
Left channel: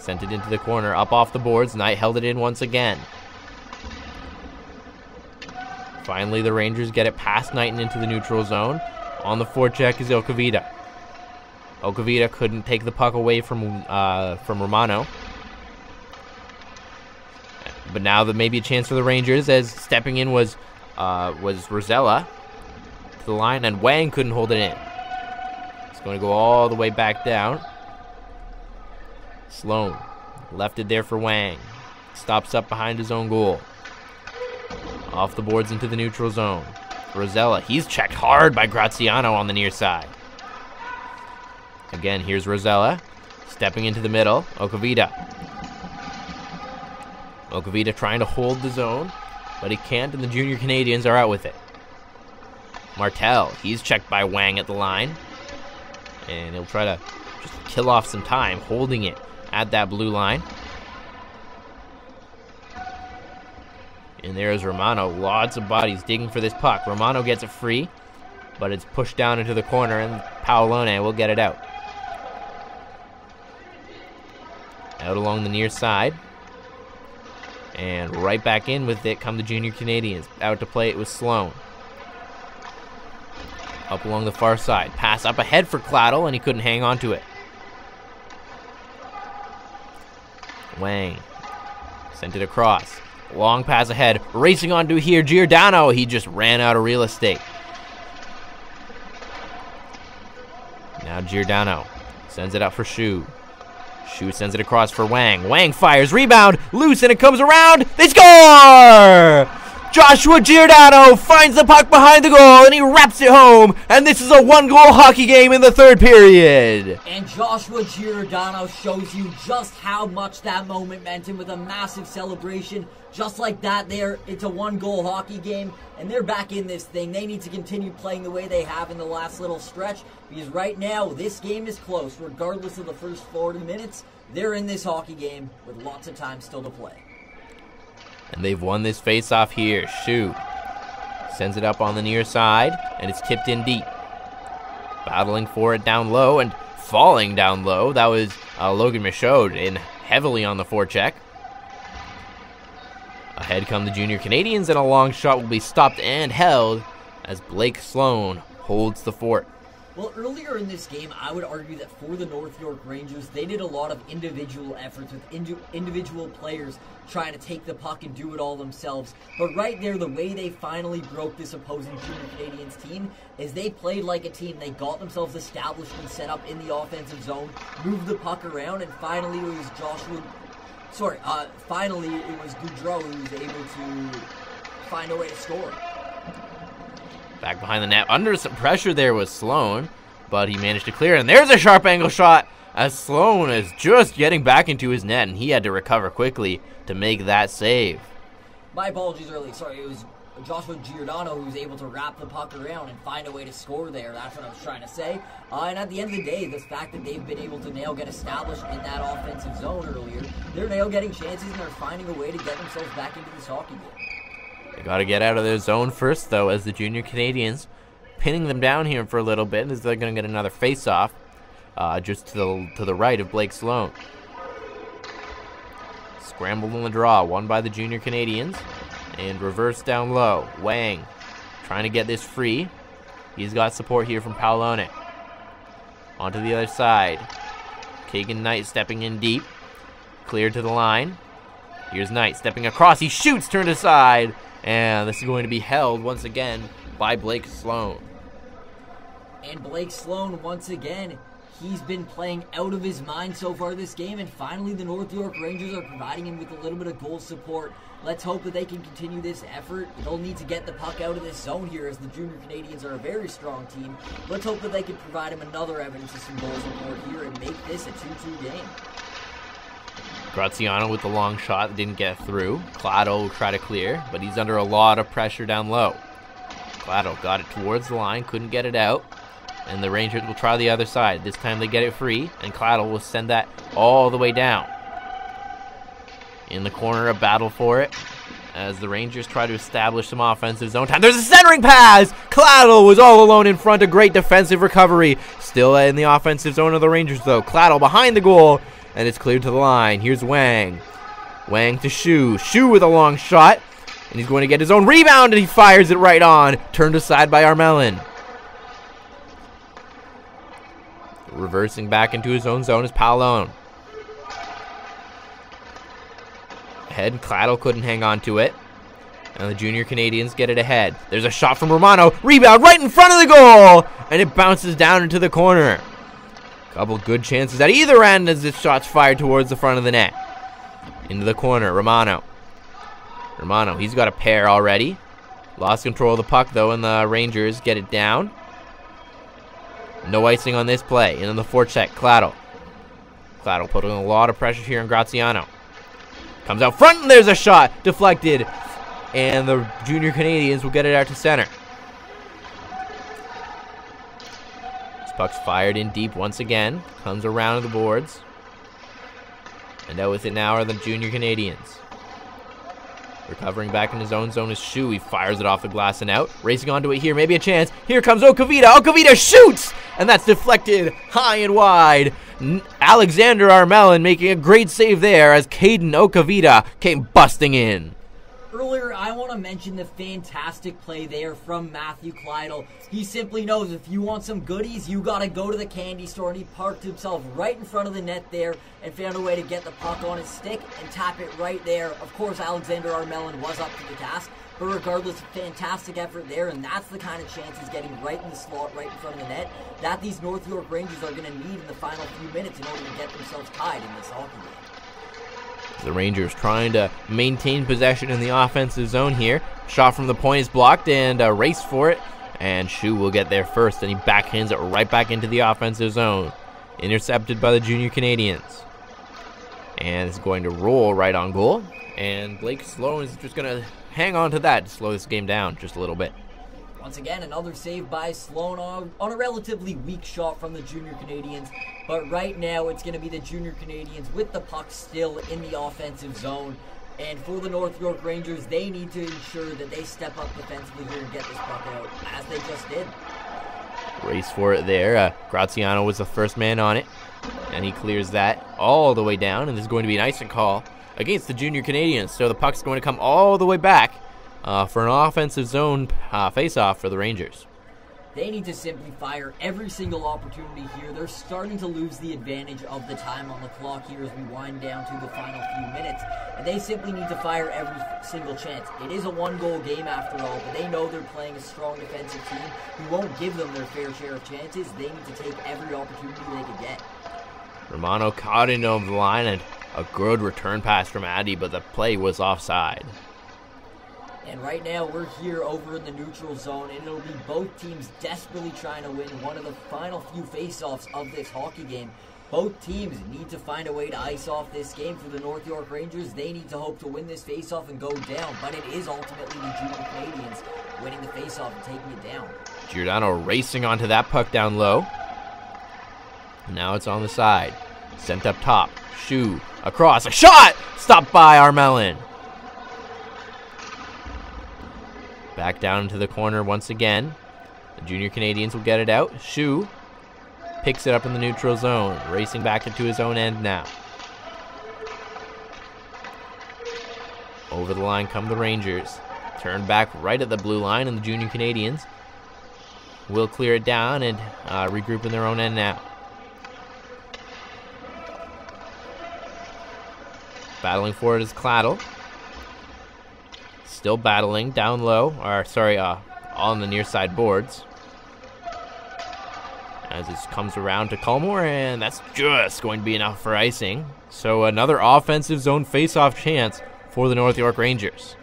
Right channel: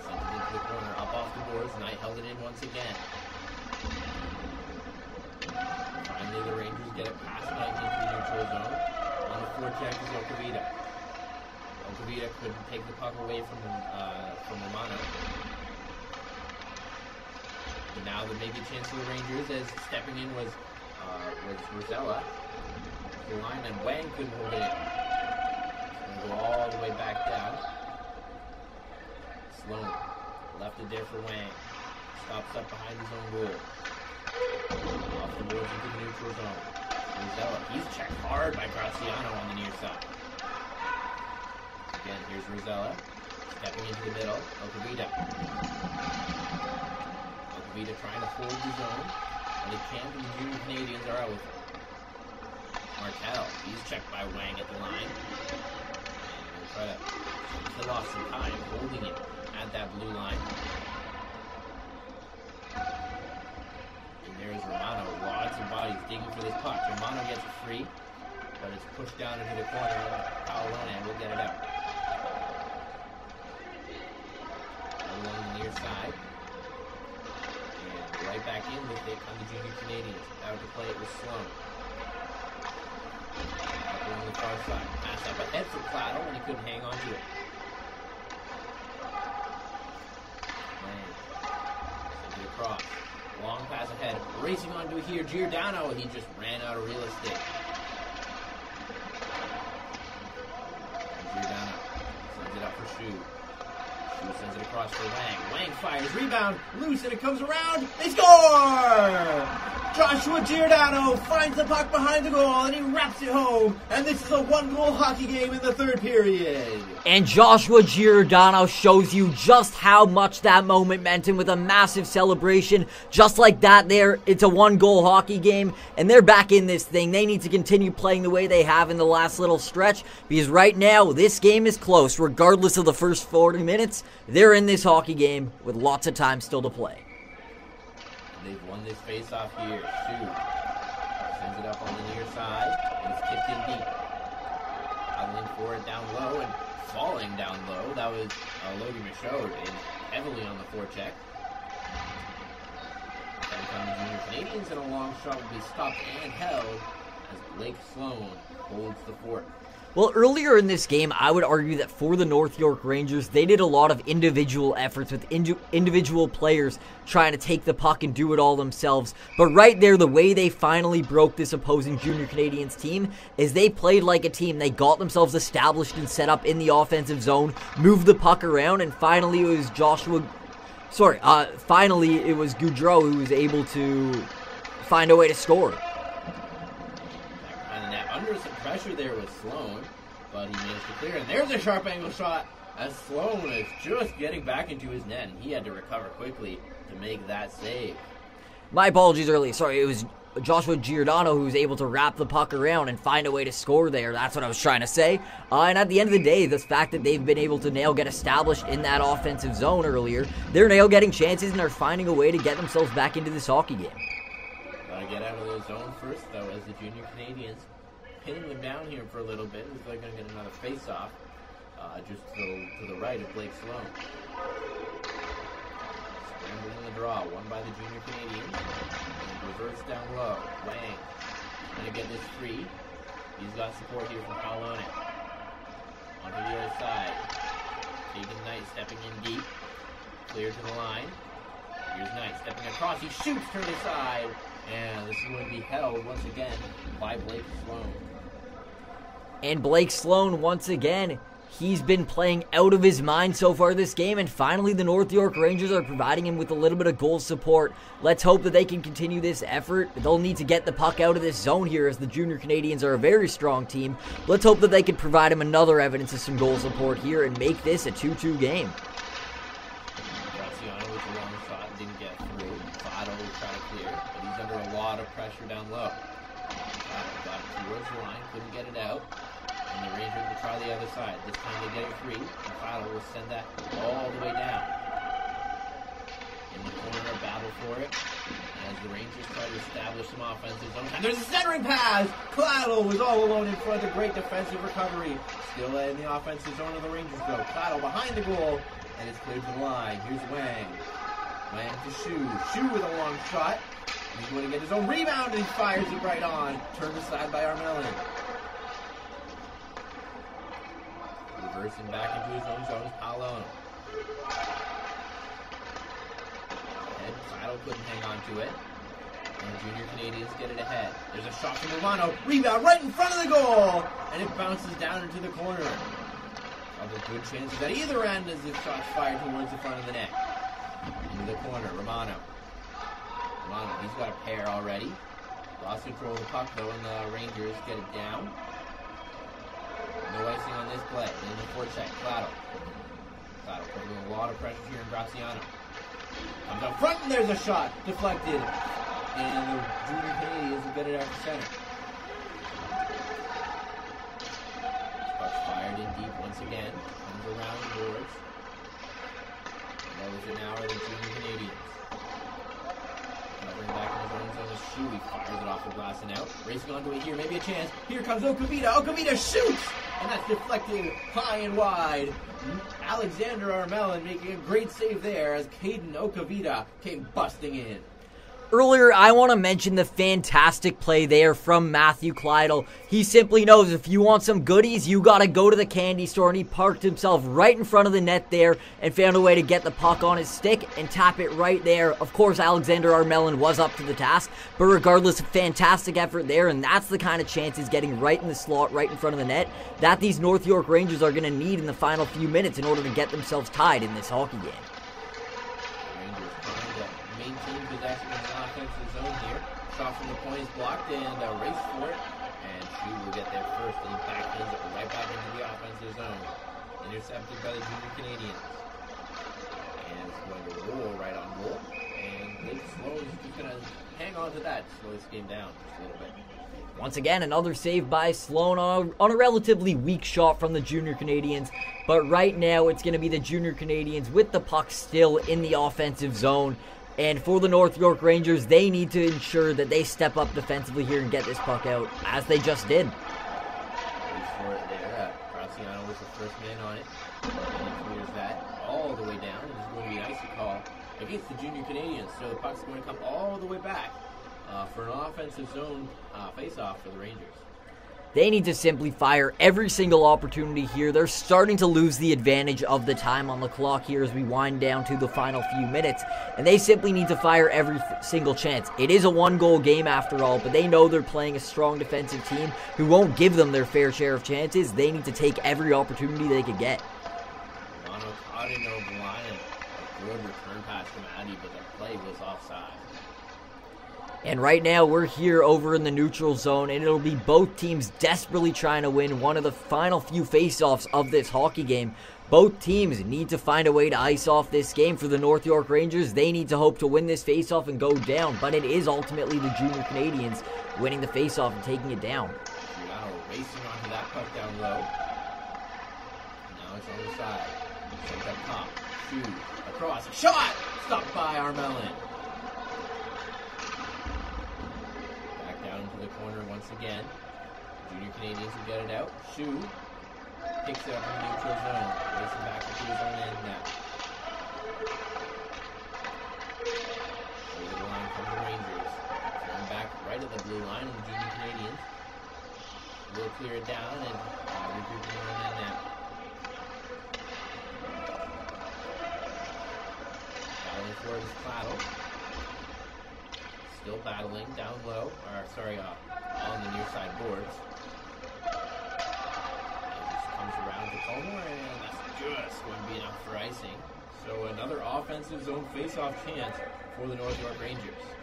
Sent it into the corner, up off the boards. Knight held it in once again. Finally, the Rangers get it past Knight and into the neutral zone. On the forecheck is Okavita. Okavita couldn't take the puck away from Romano. But now there may be a chance for the Rangers, as stepping in was Rosella to the line, and Wang couldn't hold it in. It's going to go all the way back down. Sloan left it there for Wang. Stops up behind his own goal. Off the boards into the neutral zone. Rosella, he's checked hard by Graziano on the near side. Again, here's Rosella, stepping into the middle. Okavita. Okavita trying to hold the zone, but he can't, and the Junior Canadians are out with it. Martel, he's checked by Wang at the line, and he'll try to just kill off some time, holding it at that blue line. And there's Romano. Lots of bodies digging for this puck. Romano gets it free, but it's pushed down into the corner, and Paolone will get it out. Out along the near side. And right back in with it come the Junior Canadians. Out to play it with Sloan. Up along the far side. Pass up ahead for Claddle, and he couldn't hang on to it. Wang sent it across. Long pass ahead. Racing onto here, Giordano. He just ran out of real estate. Now Giordano sends it up for Shu. Shu sends it across for Wang. Wang fires. Rebound. Loose, and it comes around. They score! Joshua Giordano finds the puck behind the goal, and he wraps it home. And this is a one-goal hockey game in the third period. And Joshua Giordano shows you just how much that moment meant him with a massive celebration. Just like that there, it's a one-goal hockey game, and they're back in this thing. They need to continue playing the way they have in the last little stretch, because right now, this game is close. Regardless of the first 40 minutes, they're in this hockey game with lots of time still to play. And they've won this face-off here. Shu sends it up on the near side, and it's tipped in deep. Battling for it down low and falling down low. That was Logan Michaud in heavily on the forecheck. Ahead come the Junior Canadians, and a long shot will be stopped and held as Blake Sloan holds the fort. Well, earlier in this game, I would argue that for the North York Rangers, they did a lot of individual efforts with individual players trying to take the puck and do it all themselves. But right there, the way they finally broke this opposing Junior Canadians team is they played like a team. They got themselves established and set up in the offensive zone, moved the puck around, and finally it was Goudreau who was able to find a way to score. Back behind the net, under some pressure there was Sloan, but he managed to clear, and there's a sharp angle shot as Sloan is just getting back into his net, and he had to recover quickly to make that save. My apologies earlier. Sorry, it was Joshua Giordano who was able to wrap the puck around and find a way to score there. That's what I was trying to say. And at the end of the day, the fact that they've been able to now get established in that offensive zone earlier, they're now getting chances and are finding a way to get themselves back into this hockey game. Got to get out of their zone first, though, as the Junior Canadians pinning them down here for a little bit, as they're going to get another face-off just to the right of Blake Sloan. Scrambled in the draw, won by the Junior Canadians, and reverse down low. Wang trying to get this free. He's got support here from Paolone. Onto the other side. Kagan Knight stepping in deep. Cleared to the line. Here's Knight stepping across. He shoots, turned aside. And this is going to be held once again by Blake Sloan. And Blake Sloan, once again, he's been playing out of his mind so far this game. And finally, the North York Rangers are providing him with a little bit of goal support. Let's hope that they can continue this effort. They'll need to get the puck out of this zone here, as the Junior Canadians are a very strong team. Let's hope that they can provide him another evidence of some goal support here and make this a 2-2 game. Graziano with the long shot that didn't get through. Clado will try to clear, but he's under a lot of pressure down low. Clado got it towards the line, couldn't get it out, and the Rangers will try the other side. This time they get it free, and Clado will send that all the way down. In the corner, a battle for it as the Rangers try to establish some offensive zone time. There's a centering pass! Claddle was all alone in front. A great defensive recovery. Still in the offensive zone of the Rangers, though. Claddle behind the goal, and it's cleared to the line. Here's Wang. Wang to Shu. Shu with a long shot, and he's going to get his own rebound, and he fires it right on. Turned aside by Armelin. Reversing back into his own zone is Paolone. Ahead, Claddle couldn't hang on to it. And the Junior Canadians get it ahead. There's a shot from Romano. Rebound right in front of the goal! And it bounces down into the corner. Couple good chances at either end as this shot's fired towards the front of the net. Into the corner, Romano. Romano, he's got a pair already. Lost control of the puck, though, and the Rangers get it down. No icing on this play. And in the forecheck, Claddle. Claddle putting a lot of pressure here on Graziano. Comes out front, and there's a shot. Deflected. And the Junior Canadians will get it out to center. This puck's fired in deep once again. Comes around the boards. And out with it now are the Junior Canadians. Recovering back in his own zone is Shu. He fires it off the glass and out. Racing onto it here, maybe a chance. Here comes Okavita. Okavita shoots! And that's deflected high and wide. Alexander Armelin making a great save there as Caden Okavita came busting in. Earlier, I want to mention the fantastic play there from Matthew Claddle. He simply knows if you want some goodies, you got to go to the candy store, and he parked himself right in front of the net there and found a way to get the puck on his stick and tap it right there. Of course, Alexander Armelin was up to the task, but regardless, a fantastic effort there, and that's the kind of chance he's getting right in the slot, right in front of the net, that these North York Rangers are going to need in the final few minutes in order to get themselves tied in this hockey game. The Rangers trying to maintain possession in the offensive zone here. Shot from the point is blocked, and a race for it. And Shu will get there first, and he backhands it right back into the offensive zone. Intercepted by the Junior Canadians. And it's going to roll right on goal. And Blake Sloan is just going to hang on to that to slow this game down just a little bit. Once again, another save by Sloan on a relatively weak shot from the Junior Canadians. But right now, it's going to be the Junior Canadians with the puck still in the offensive zone. And for the North York Rangers, they need to ensure that they step up defensively here and get this puck out, as they just did. Race for it there. Graziano was the first man on it. And he clears that all the way down. And there's going to be an icing call against the Junior Canadians. So the puck's going to come all the way back for an offensive zone face-off for the Rangers. They need to simply fire every single opportunity here. They're starting to lose the advantage of the time on the clock here as we wind down to the final few minutes. And they simply need to fire every single chance. It is a one-goal game after all, but they know they're playing a strong defensive team who won't give them their fair share of chances. They need to take every opportunity they could get. Romano caught in over the line, and a good return pass from Addy, but the play was offside. And right now, we're here over in the neutral zone, and it'll be both teams desperately trying to win one of the final few face-offs of this hockey game. Both teams need to find a way to ice off this game. For the North York Rangers, they need to hope to win this face-off and go down, but it is ultimately the Junior Canadians winning the face-off and taking it down. Giordano racing onto that puck down low. Now it's on the side. Sent up top. Shu across. A shot! Stopped by Armelin. Back down into the corner once again. The Junior Canadians will get it out. Shu picks it up in the neutral zone. Racing back into his own end now. Over the line come the Rangers. Turn back right at the blue line, and the Junior Canadians will clear it down and regroup in their own end now. Battling for it is Claddle. Still battling down low, on the near side boards. As this comes around to Culmore, and that's just going to be enough for icing. So another offensive zone face-off chance for the North York Rangers.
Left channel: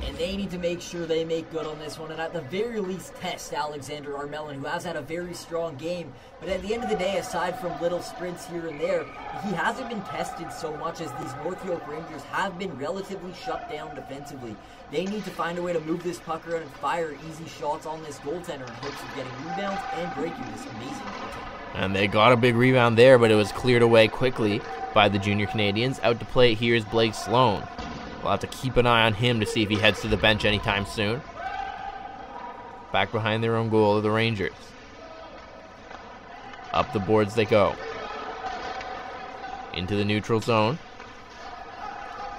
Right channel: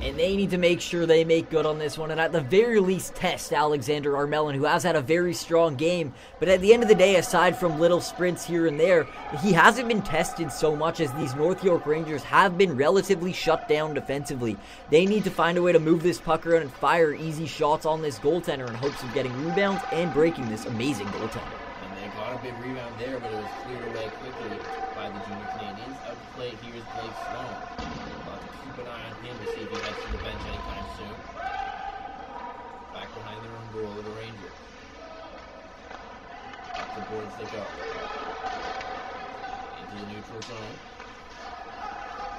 And they need to make sure they make good on this one, and at the very least test Alexander Armelin, who has had a very strong game. But at the end of the day, aside from little sprints here and there, he hasn't been tested so much as these North York Rangers have been relatively shut down defensively. They need to find a way to move this puck around and fire easy shots on this goaltender in hopes of getting rebounds and breaking this amazing goaltender. And they got a big rebound there, but it was cleared away quickly by the Junior Canadians. Out to play here is Blake Sloan. We'll have to keep an eye on him to see if he heads to the bench anytime soon. Back behind their own goal of the Rangers. Up the boards they go. Into the neutral zone.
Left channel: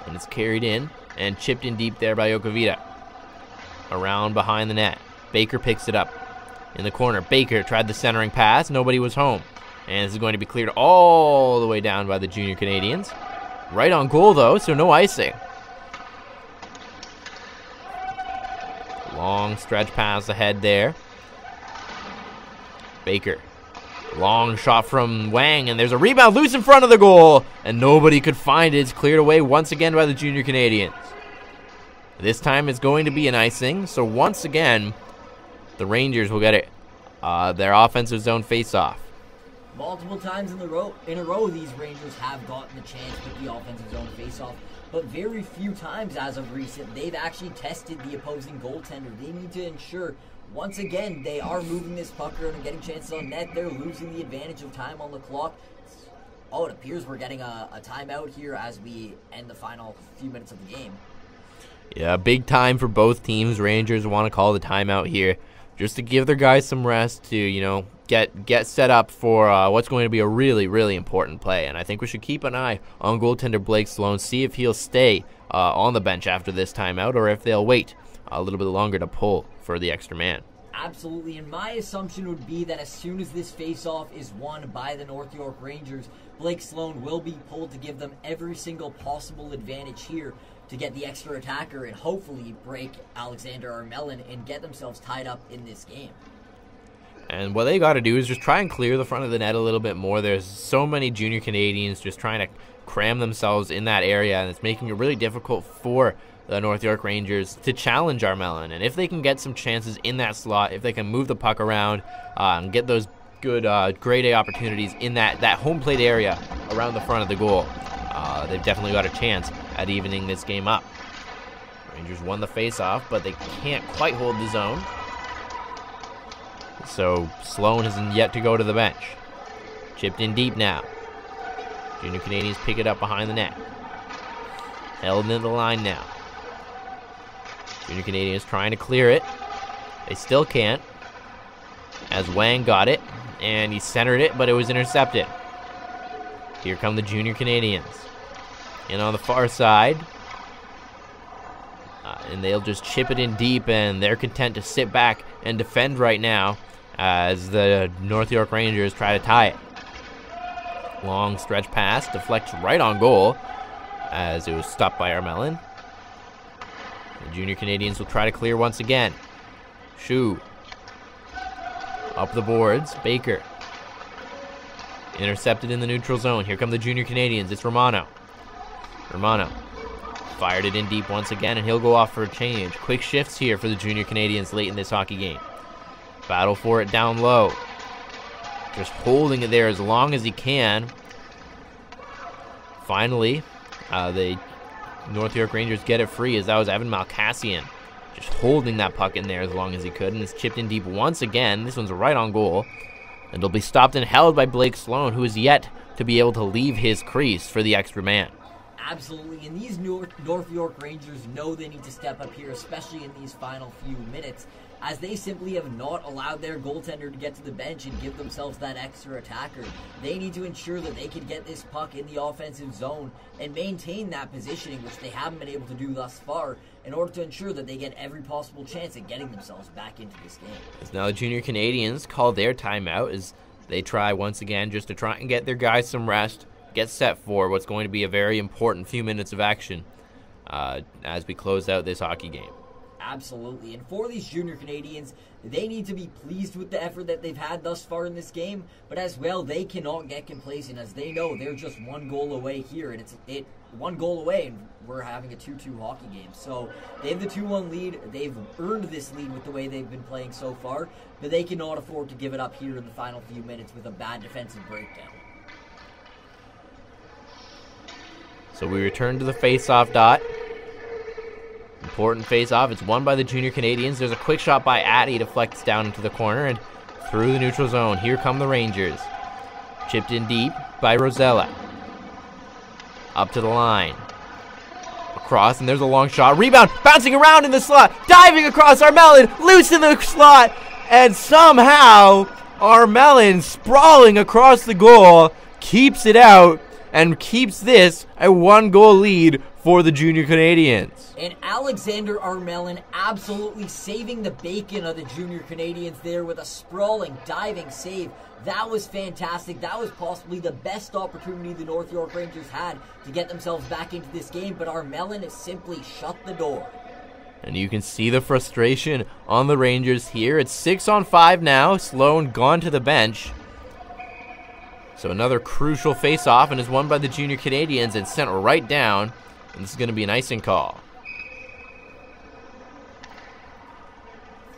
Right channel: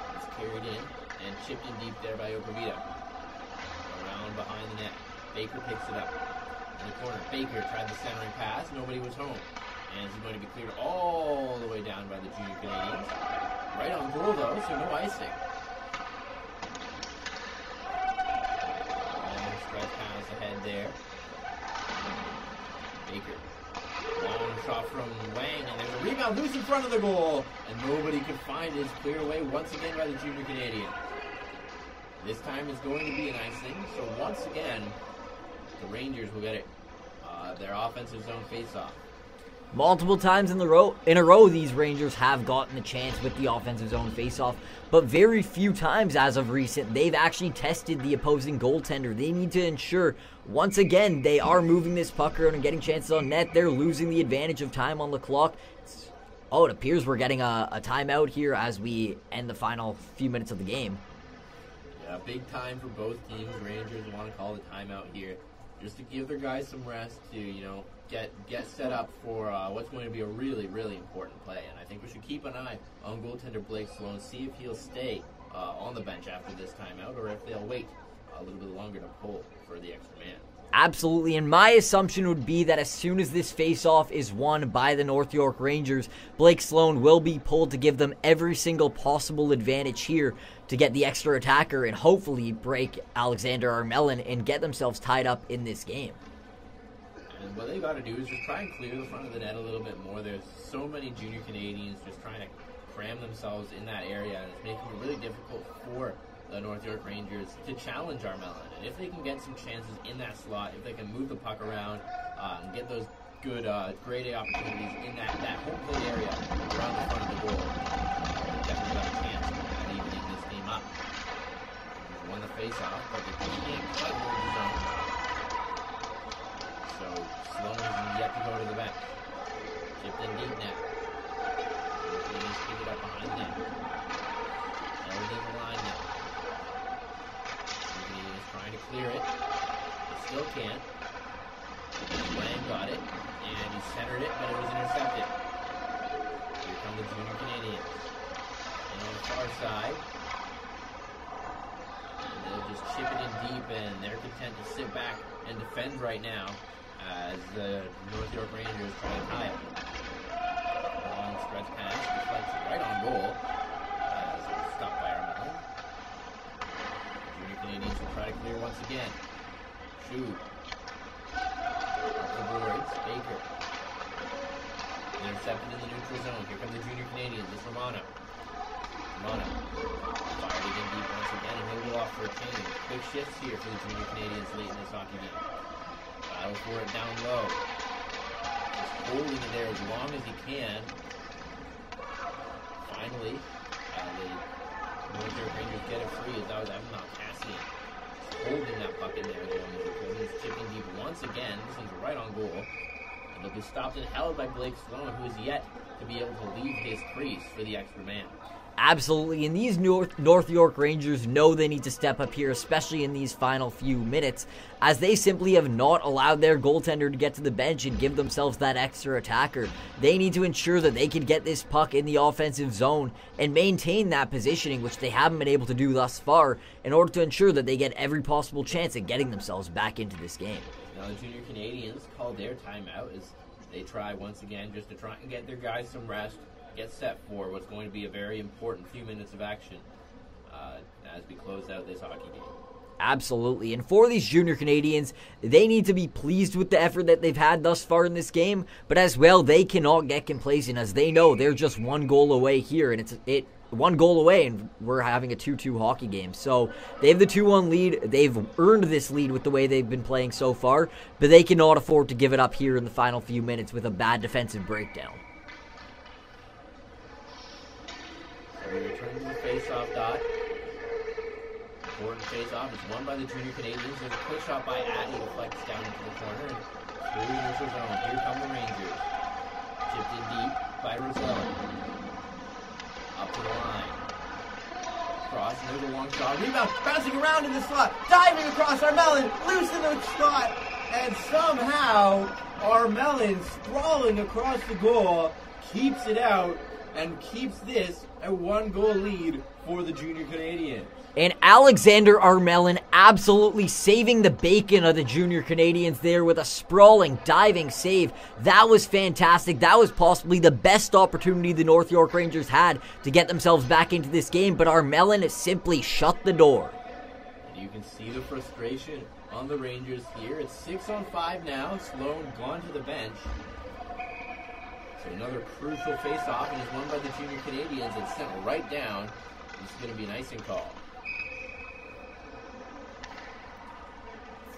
And it's carried in and chipped in deep there by Okavita. Around behind the net. Baker picks it up in the corner. Baker tried the centering pass. Nobody was home. And this is going to be cleared all the way down by the Junior Canadians. Right on goal, though, so no icing. Long stretch pass ahead there. Baker. Long shot from Wang, and there's a rebound loose in front of the goal, and nobody could find it. It's cleared away once again by the Junior Canadians. This time it's going to be an icing, so once again, the Rangers will get it. Their offensive zone face-off. Multiple times in a row, these Rangers have gotten a chance with the offensive zone face-off, but very few times as of recent, they've actually tested the opposing goaltender. They need to ensure, once again, they are moving this puck around and getting chances on net. They're losing the advantage of time on the clock. Oh, it appears we're getting a timeout here as we end the final few minutes of the game. Yeah, big time for both teams. Rangers want to call the timeout here just to give their guys some rest to, you know, get set up for what's going to be a really, really important play. And I think we should keep an eye on goaltender Blake Sloan, see if he'll stay on the bench after this timeout or if they'll wait a little bit longer to pull for the extra man. Absolutely, and my assumption would be that as soon as this face-off is won by the North York Rangers, Blake Sloan will be pulled to give them every single possible advantage here to get the extra attacker and hopefully break Alexander Armelin and get themselves tied up in this game. And what they got to do is just try and clear the front of the net a little bit more. There's so many Junior Canadians just trying to cram themselves in that area, and it's making it really difficult for the North York Rangers to challenge Armelin. And if they can get some chances in that slot, if they can move the puck around and get those good grade A opportunities in that home plate area around the front of the goal, they've definitely got a chance at evening this game up. Rangers won the face-off, but they can't quite hold the zone. So Sloan has yet to go to the bench. Chipped in deep now. Junior Canadians pick it up behind the net. Held into the line now. Junior Canadians trying to clear it. They still can't. As Wang got it, and he centered it, but it was intercepted. Here come the Junior Canadians. And on the far side, and they'll just chip it in deep, and they're content to sit back and defend right now as the North York Rangers try to tie it. Long stretch pass, deflects right on goal as it was stopped by Armelin. The Junior Canadians will try to clear once again. Shu. Up the boards, Baker. Intercepted in the neutral zone. Here come the Junior Canadians. It's Romano. Romano fired it in deep once again, and he'll go off for a change. Quick shifts here for the Junior Canadians late in this hockey game. Battle for it down low. Just holding it there as long as he can. Finally, the North York Rangers get it free as that was Evan Malkassian. Just holding that puck in there as long as he could, and it's chipped in deep once again. This one's right on goal. And it'll be stopped and held by Blake Sloan, who is yet to be able to leave his crease for the extra man. Absolutely, and these North York Rangers know they need to step up here, especially in these final few minutes, as they simply have not allowed their goaltender to get to the bench and give themselves that extra attacker. They need to ensure that they can get this puck in the offensive zone and maintain that positioning, which they haven't been able to do thus far, in order to ensure that they get every possible chance at getting themselves back into this game. Now the Junior Canadians call their timeout as they try once again just to try and get their guys some rest, get set for what's going to be a very important few minutes of action as we close out this hockey game. Absolutely, and for these Junior Canadians, they need to be pleased with the effort that they've had thus far in this game, but as well, they cannot get complacent as they know they're just one goal away here, and it's one goal away, and we're having a 2-2 hockey game. So they have the 2-1 lead. They've earned this lead with the way they've been playing so far, but they cannot afford to give it up here in the final few minutes with a bad defensive breakdown. So we return to the face-off dot. Important face-off. It's won by the Junior Canadians. There's a quick shot by Addy, deflects down into the corner and through the neutral zone. Here come the Rangers. Chipped in deep by Rosella. Up to the line. Across, and there's a long shot. Rebound, bouncing around in the slot. Diving across Armelin, loose in the slot. And somehow, Armelin, sprawling across the goal, keeps it out and keeps this a 1-goal lead for the Junior Canadians. And Alexander Armelin absolutely saving the bacon of the Junior Canadians there with a sprawling, diving save. That was fantastic. That was possibly the best opportunity the North York Rangers had to get themselves back into this game, but Armelin has simply shut the door. And you can see the frustration on the Rangers here. It's 6-on-5 now. Sloan gone to the bench. So another crucial face-off, and is won by the Junior Canadians and sent right down. And this is going to be an icing call.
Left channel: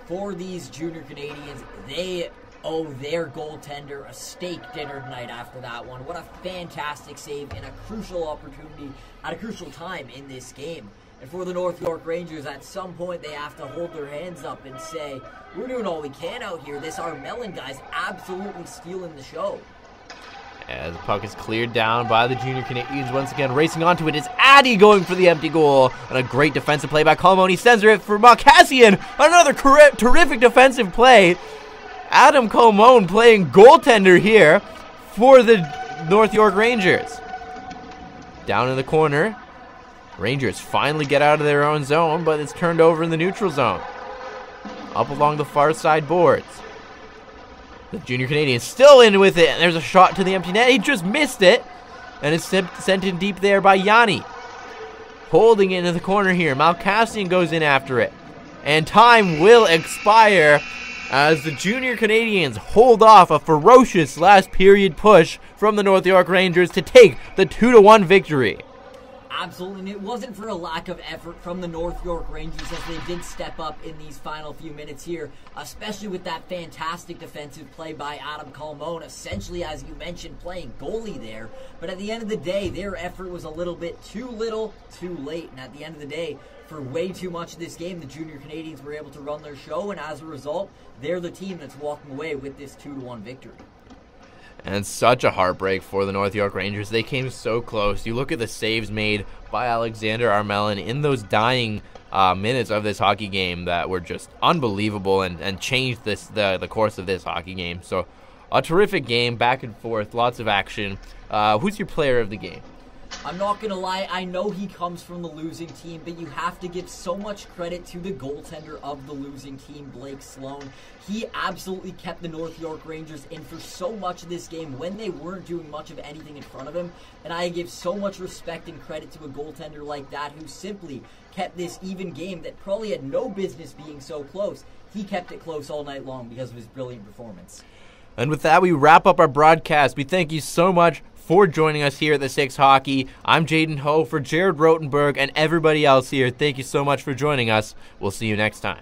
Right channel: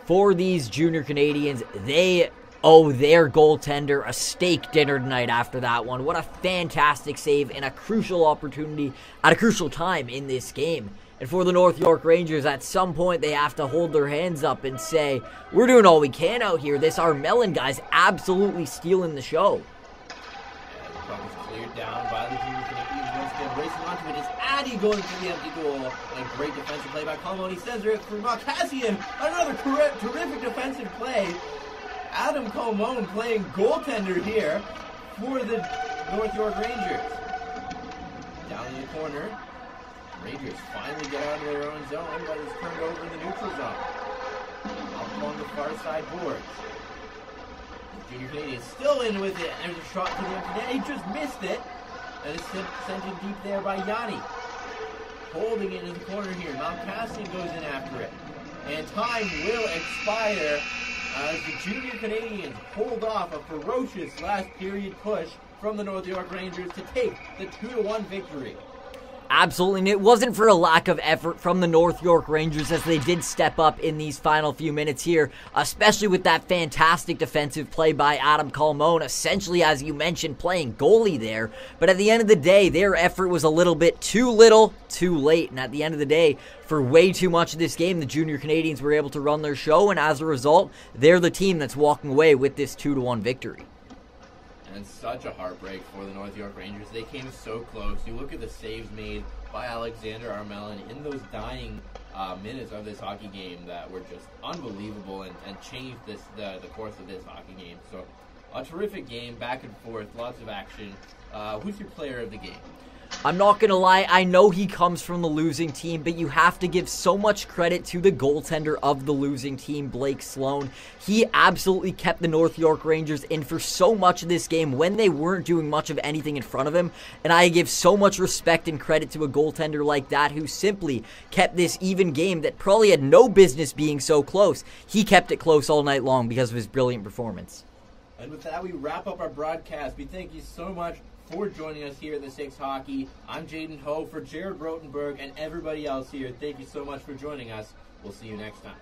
For these Junior Canadians, they owe their goaltender a steak dinner tonight after that one. What a fantastic save and a crucial opportunity at a crucial time in this game. And for the North York Rangers, at some point they have to hold their hands up and say, we're doing all we can out here. This Armelin guy's absolutely stealing the show. And the puck is cleared down by the Junior Canadians once again. Racing onto it is Addy going for the empty goal. And a great defensive play by Colmone. He sends it for Malkassian. Another terrific defensive play. Adam Colmone playing goaltender here for the North York Rangers. Down in the corner. Rangers finally get out of their own zone, but it's turned over in the neutral zone. Up along the far side boards. The Junior Canadians still in with it, and there's a shot to the empty net. He just missed it, and it's sent in deep there by Yanni. Holding it into the corner here. Malkassian goes in after it. And time will expire as the Junior Canadians hold off a ferocious last period push from the North York Rangers to take the 2-1 victory. Absolutely, and it wasn't for a lack of effort from the North York Rangers as they did step up in these final few minutes here, especially with that fantastic defensive play by Adam Colmone, essentially, as you mentioned, playing goalie there. But at the end of the day, their effort was a little bit too little, too late, and at the end of the day, for way too much of this game, the Junior Canadians were able to run their show, and as a result, they're the team that's walking away with this 2-1 victory. And such a heartbreak for the North York Rangers. They came so close. You look at the saves made by Alexander Armelin in those dying minutes of this hockey game that were just unbelievable and changed the course of this hockey game. So a terrific game, back and forth, lots of action. Who's your player of the game? I'm not going to lie, I know he comes from the losing team, but you have to give so much credit to the goaltender of the losing team, Blake Sloan. He absolutely kept the North York Rangers in for so much of this game when they weren't doing much of anything in front of him, and I give so much respect and credit to a goaltender like that who simply kept this even game that probably had no business being so close. He kept it close all night long because of his brilliant performance. And with that, we wrap up our broadcast. We thank you so much for joining us here at the 6 Hockey. I'm Jaden Ho for Jared Rotenberg and everybody else here. Thank you so much for joining us. We'll see you next time.